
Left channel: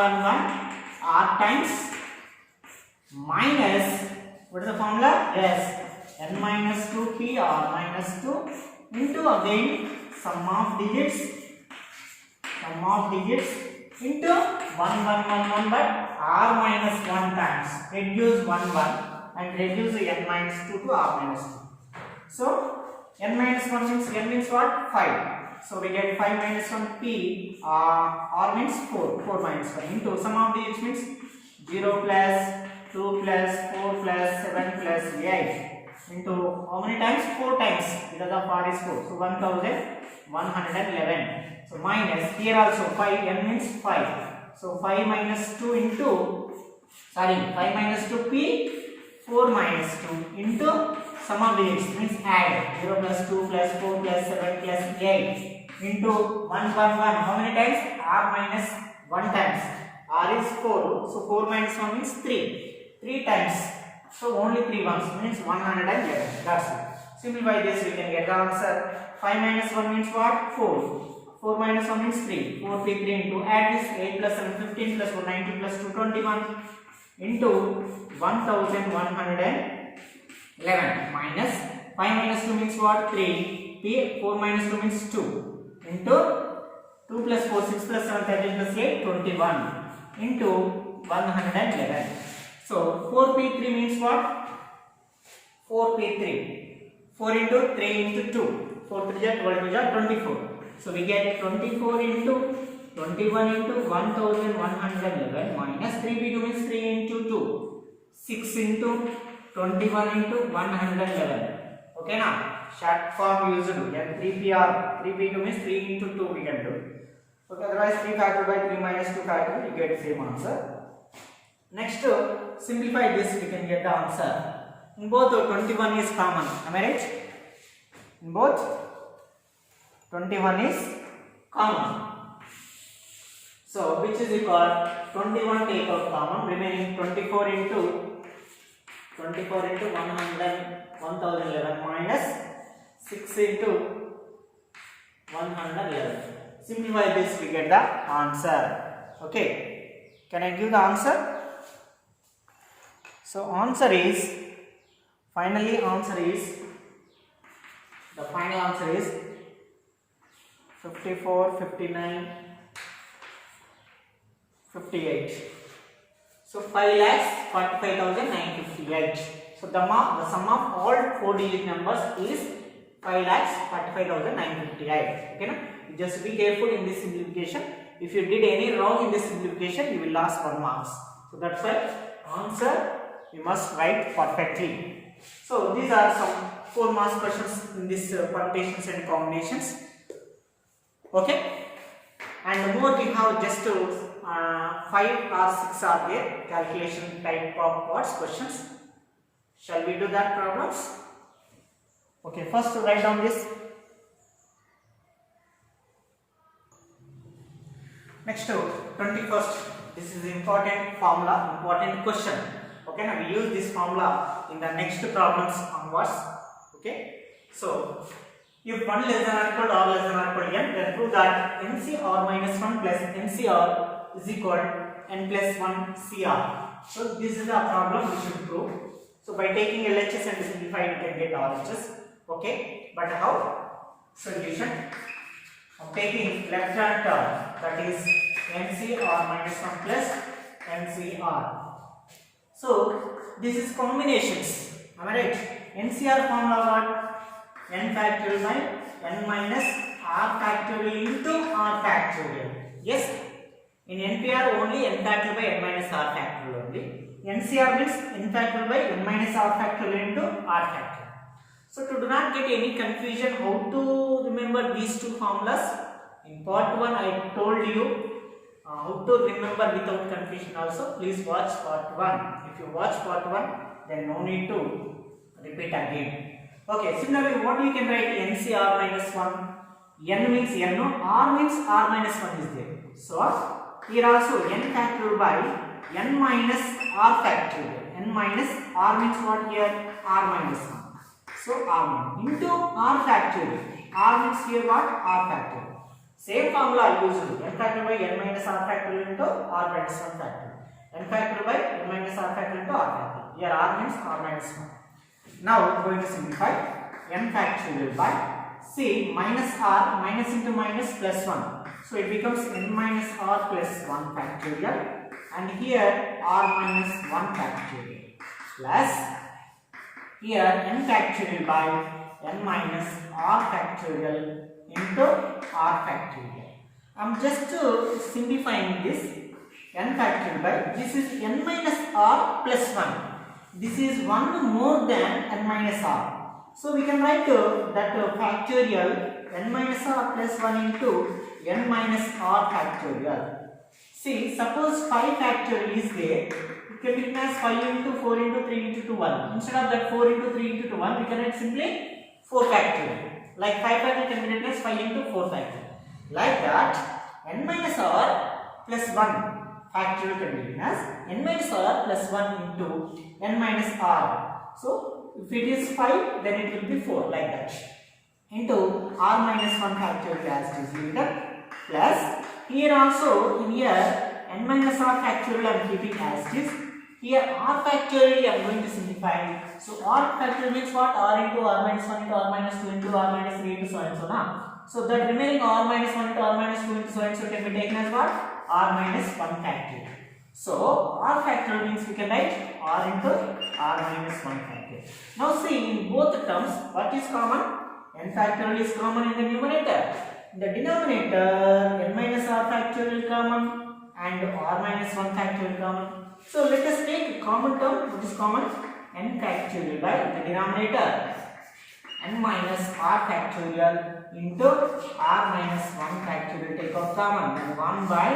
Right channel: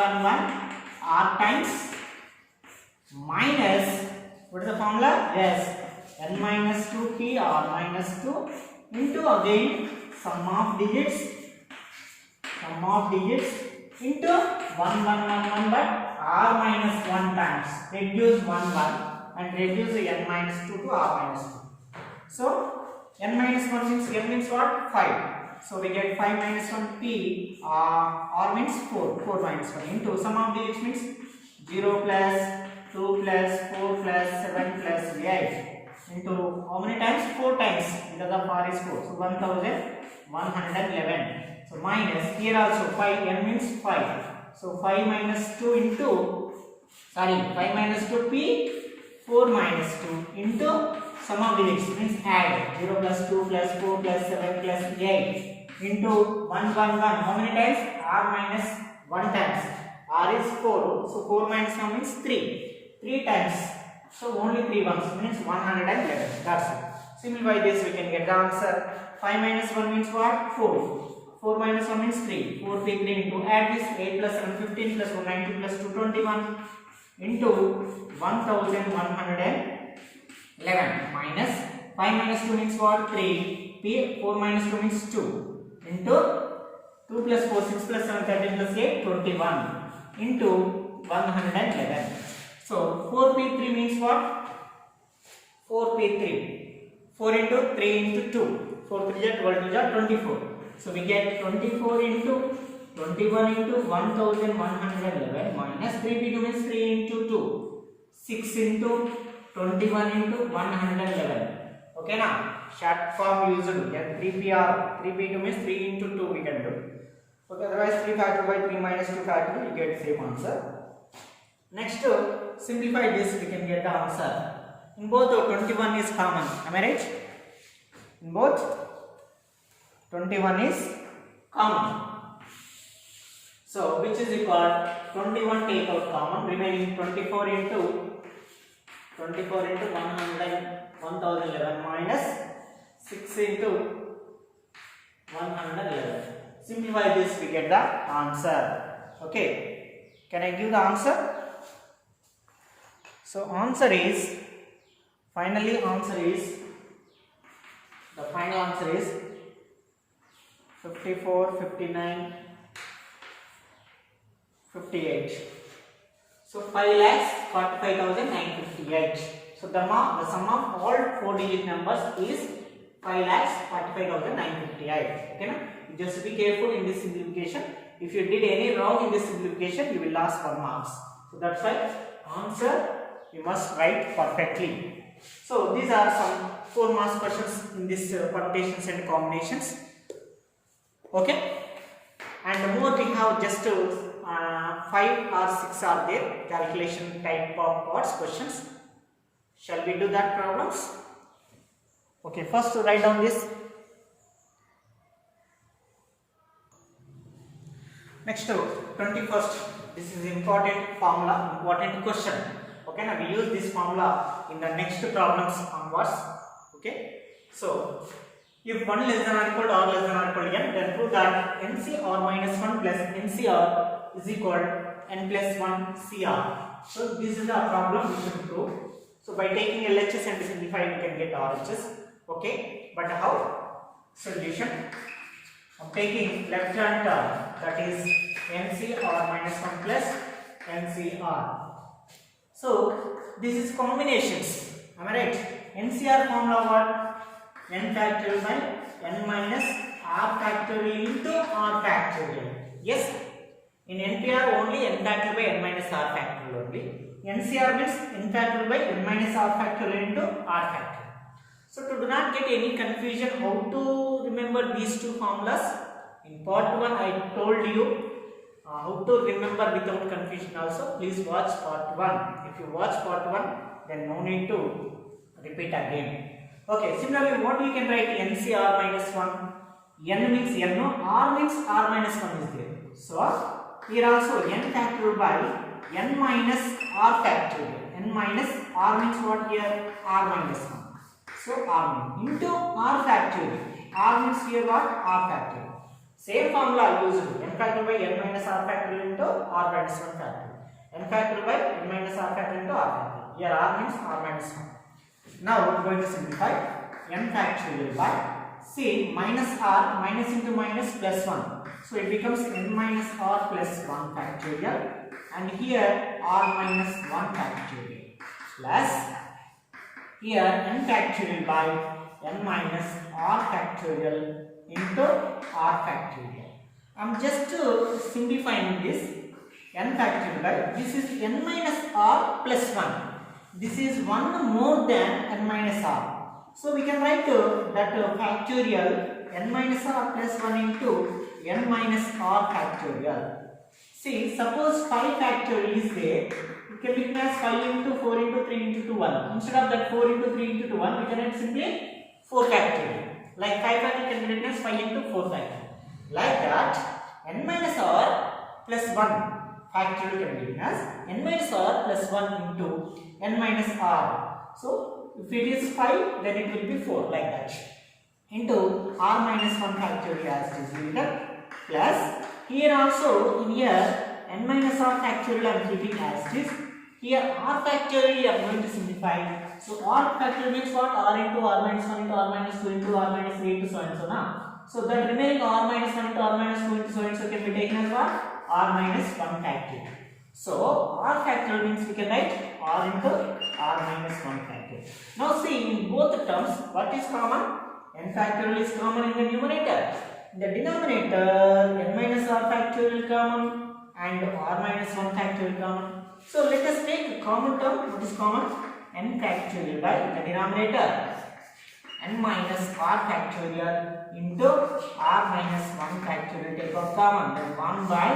r times minus, what is the formula? Yes, n minus 2 p r minus 2 into again sum of digits into 1111, but r minus 1 times reduce 1 and reduce n minus 2 to r minus 2. So n minus 1 means n means what? 5. So we get 5 minus 1 p, r means 4 minus 1 into sum of digits means 0 plus 2 plus 4 plus 7 plus 8 into how many times? 4 times, because of r is 4. So 1111. So minus, here also 5, n means 5. So 5 minus 2 into, 5 minus 2 p, 4 minus 2 into sum of digits means add 0 plus 2 plus 4 plus 7 plus 8 into 111. How many times? R minus 1 times. R is 4. So 4 minus 1 means 3. 3 times. So only 3 ones means 111. That's it. Simplify this, we can get the answer. 5 minus 1 means what? 4. 4 minus 1 means 3. 4 3 into add this 8 plus 7 15 plus 1 19 plus 2 21 into 1111 minus 5 minus 2 means what? 3. P 4 minus 2 means 2 into 2 plus 4 6 plus 7 13 plus 8 21 into 111. So 4p3 means what? 4p3. 4 into 3 into 2. 4 3 is 24. So we get 24 into 21 into 1111 minus 3p2 means 3 into 2. 6 into 21 into 111. Okay now, short form used. Then 3pr, 3p2 means 3 into 2 we can do. Okay, otherwise 3 factor by 3 minus 2 factor, you get same answer. Next, simplify this, we can get the answer. In both 21 is common, am I right? In both 21 is common. So which is equal 21 take out common, remaining 24 into 1011 minus 6 into 111. Simplify this, we get the answer. Okay, can I give the answer? So answer is, finally answer is The final answer is 54, 59, 58. So 5,45,958. So the sum of all 4-digit numbers is 5,45,958. Okay, na? Just be careful in this simplification. If you did any wrong in this simplification, you will lose 1 marks. So that's why answer you must write perfectly. So these are some 4 marks questions in this permutations and combinations. Okay, and more we have just 5 or 6 are there calculation type of parts questions. Shall we do that problems? Okay, first write down this. Next to 21st, this is important formula, important question. Okay, now we use this formula in the next problems onwards. Okay, so if 1 less than or equal to or less than or equal to n, then prove that NCR minus 1 plus NCR is equal to n plus 1 CR. So this is the problem we should prove. So by taking LHS and simplifying, we can get RHS. Okay, but how? Solution. I'm taking left hand term, that is NCR minus 1 plus NCR. So this is combinations. Am I right? NCR formula what? N factorial by n minus r factorial into r factorial. Yes. In NPR only n factorial by n minus r factorial only. NCR means n factorial by n minus r factorial into r factorial. So to do not get any confusion how to remember these two formulas, in part 1 I told you how to remember without confusion also. Please watch part 1. If you watch part 1, then no need to repeat again. Okay, similarly what you can write NCR minus 1, n means n, r means r minus 1 is there. So here also n factorial by n minus r factorial. N minus r means what here? R minus 1. So r into r factorial. R means here what? R factorial. Same formula used. N factorial by n minus r factorial into r minus 1 factorial. N factorial by n minus r factorial into r factorial. Here r means r minus 1. Now we are going to simplify. N factorial by, see, minus r, minus into minus plus 1. So it becomes n minus r plus 1 factorial. And here r minus 1 factorial. Plus here n factorial by n minus r factorial into r factorial. I am just simplifying this. N factorial by, this is n minus r plus 1. This is 1 more than n minus r. So we can write that factorial n minus r plus 1 into n minus r factorial. See, suppose 5 factorial is there, it can be written as 5 into 4 into 3 into 2, 1. Instead of that 4 into 3 into 2, 1, we can write simply 4 factorial. Like 5 factorial can be written as 5 into 4 factorial. Like that, n minus r plus 1 factorial can be written as n minus r plus 1 into n minus r. So if it is 5, then it will be 4, like that. Into r minus 1 factorial as it is written, plus here also, here n minus r factorial I am treating as it is. Here r factorial I am going to simplify. So r factorial means what? R into r minus 1 into r minus 2 into r minus 3 into so and so now. So that remaining r minus 1 into r minus 2 into so and so can be taken as what? R minus 1 factorial. So r factorial means we can write r into r minus 1 factorial. Now see, in both terms, what is common? N factorial is common in the numerator. In the denominator, n minus r factorial common and r minus 1 factorial common. So let us take a common term. What is common? N factorial by the denominator n minus r factorial into r minus 1 factorial. Take out common. Then 1 by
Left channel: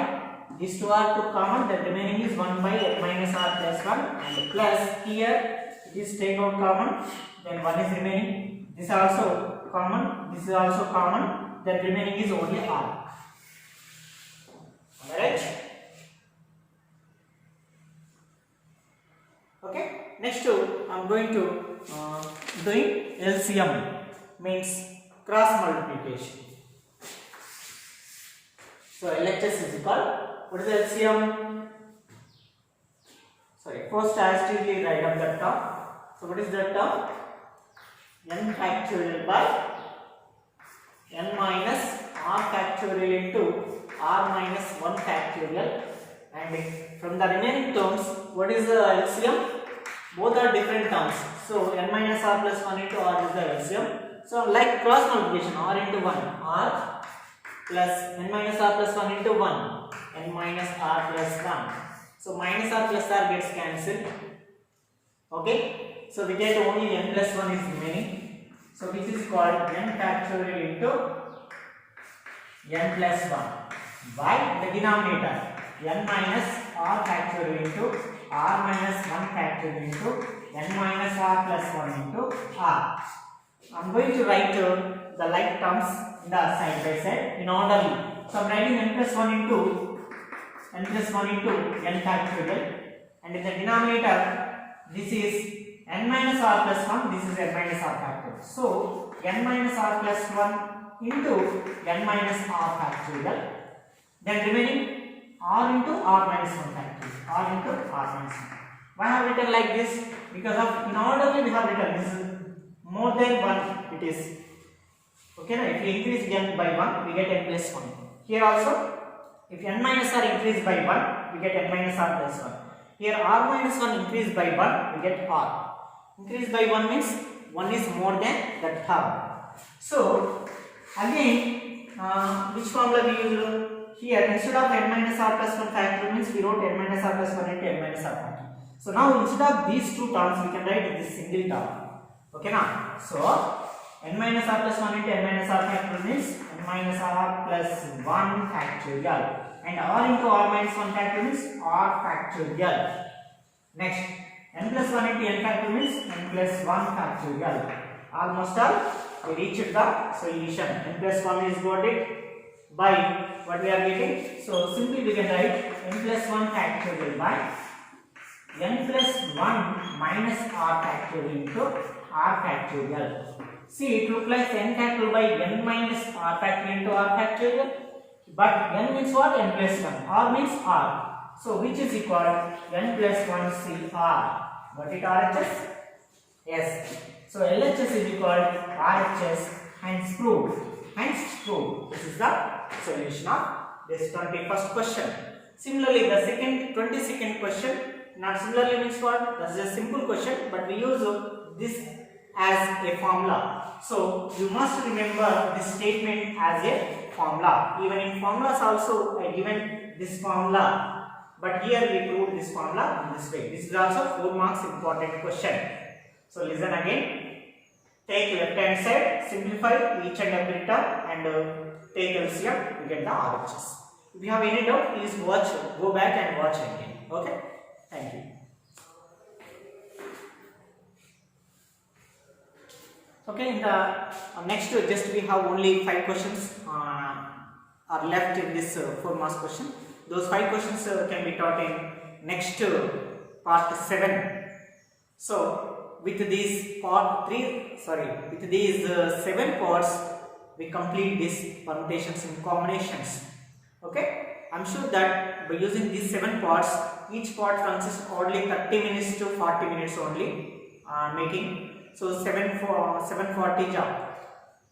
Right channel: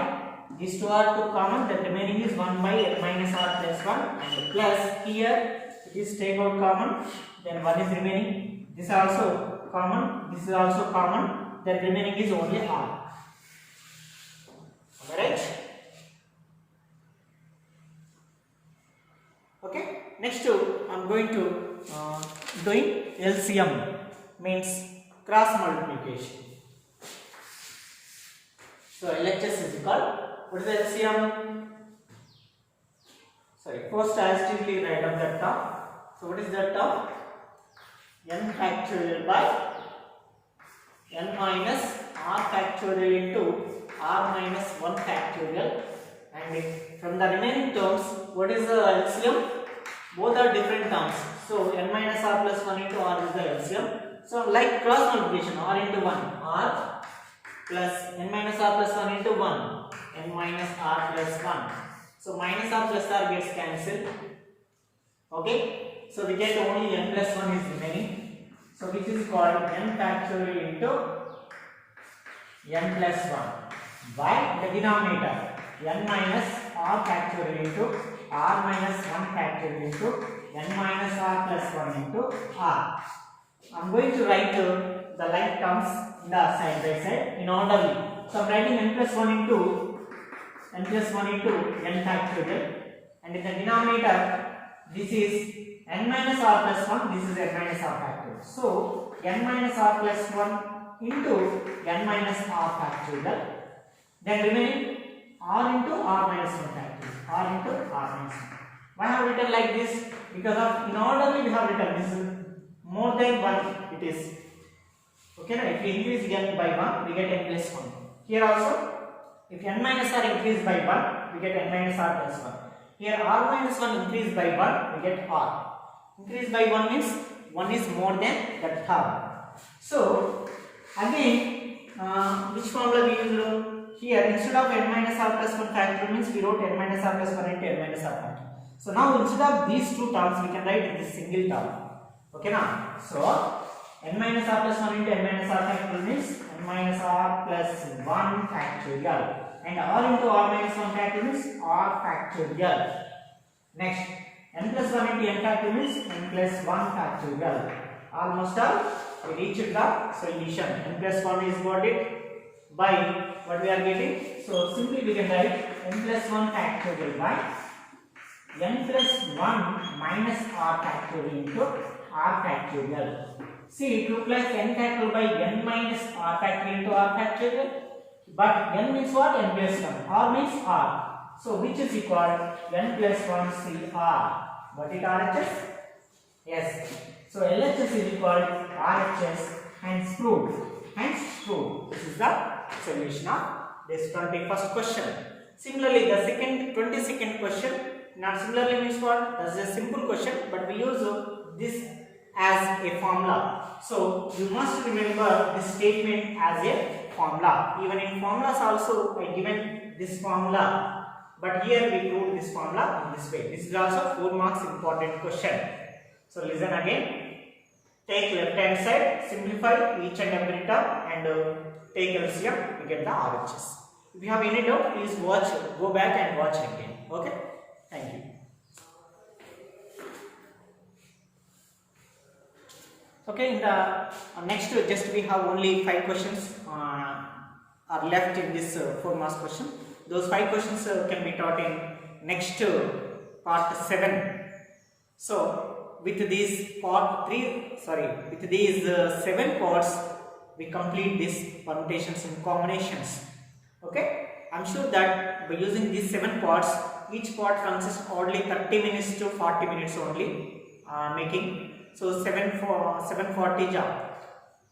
these two are two common. The remaining is 1 by n minus r plus 1 and plus here it is take out common. Then 1 is remaining. This also common. This is also common. The remaining is only r. Alright. Okay. Next, I am going to doing LCM, means cross multiplication. So LHS is equal. What is LCM? Sorry. First, statistically write up that term. So what is that term? N factorial by factorial into r minus 1 factorial, and from the remaining terms, what is the LCM? Both are different terms. So n minus r plus 1 into r is the LCM. So like cross multiplication, r into 1, r plus n minus r plus 1 into 1, n minus r plus 1. So minus r plus r gets cancelled. Okay, so we get only n plus 1 is remaining. So which is called n factorial into n plus 1 by the denominator n minus r factorial into r minus 1 factorial into n minus r plus 1 into r. I am going to write the like terms in the side by side in orderly. So I am writing n plus 1 into n factorial, and in the denominator this is n minus r plus 1, this is n minus r factorial. So n minus r plus 1 into n minus r factorial, then remaining r into r minus 1 factorial, r into r minus 1. Why have written like this? Because of in orderly we have written this is more than 1 it is. Okay, now if we increase n by 1 we get n plus 1. Here also if n minus r increased by 1 we get n minus r plus 1. Here r minus 1 increased by 1 we get r. Increase by 1 means 1 is more than that term. So again which formula we use here? Instead of n minus r plus 1 factorial means we wrote n minus r plus 1 into n minus r factorial. So now instead of these two terms we can write this single term. Okay now, so n minus r plus 1 into n minus r factorial means n minus r plus 1 factorial, and r into r minus 1 factorial means r factorial. Next, n plus 1 into n factorial means n plus 1 factorial. Almost all we reached the solution. N plus 1 is got it by what we are getting. So simply we can write n plus 1 factorial by n plus 1 minus r factorial into r factorial. See, it looks like n factorial by n minus r factorial into r factorial, but n means what? N plus 1. R means r. So which is equal n plus 1 CR. Got it, RHS? Yes. So LHS is equal RHS, hence proved. Hence proved. This is the solution of this 21st question. Similarly, the 22nd question. Not similarly means what? That's a simple question, but we use this as a formula. So you must remember this statement as a formula. Even in formulas also I given this formula, but here we proved this formula in this way. This is also 4 marks important question. So listen again. Take left hand side, simplify each and every term, and take LCM to get the RHS. If you have any doubt, please watch, go back and watch again. Okay. Thank you. Okay, in the next just we have only 5 questions are left in this 4 marks question. Those 5 questions can be taught in next part 7. So with these 7 parts we complete these permutations and combinations. Okay, I'm sure that by using these 7 parts, each part consists only 30 minutes to 40 minutes only making. So 740 job,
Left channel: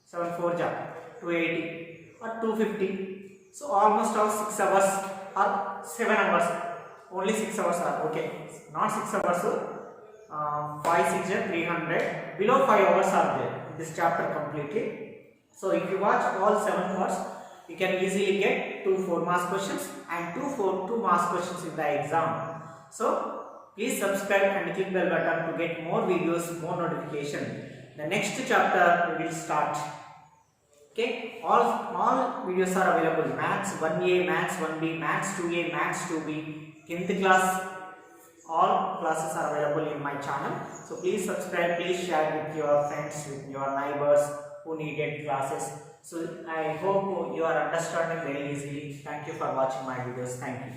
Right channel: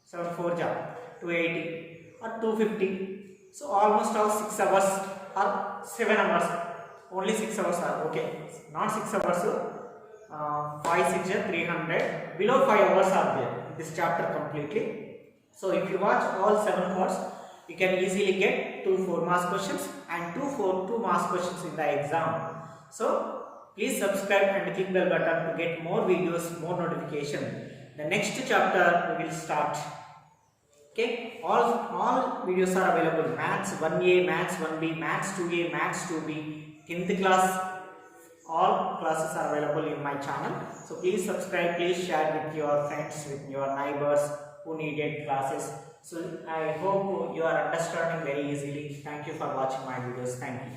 74 job, 280 or 250. So almost all 6 hours or 7 hours. Only 6 hours are okay. Not 6 hours. 5, 6, 300. Below 5 hours are there in this chapter completely. So if you watch all 7 parts, you can easily get 2 4 marks questions and 2 marks questions in the exam. So please subscribe and click the bell button to get more videos, more notification. The next chapter we will start. Okay, all videos are available. Maths 1A, Maths 1B, Maths 2A, Maths 2B, 10th class. All classes are available in my channel. So please subscribe, please share with your friends, with your neighbors who needed classes. So I hope you are understanding very easily. Thank you for watching my videos. Thank you.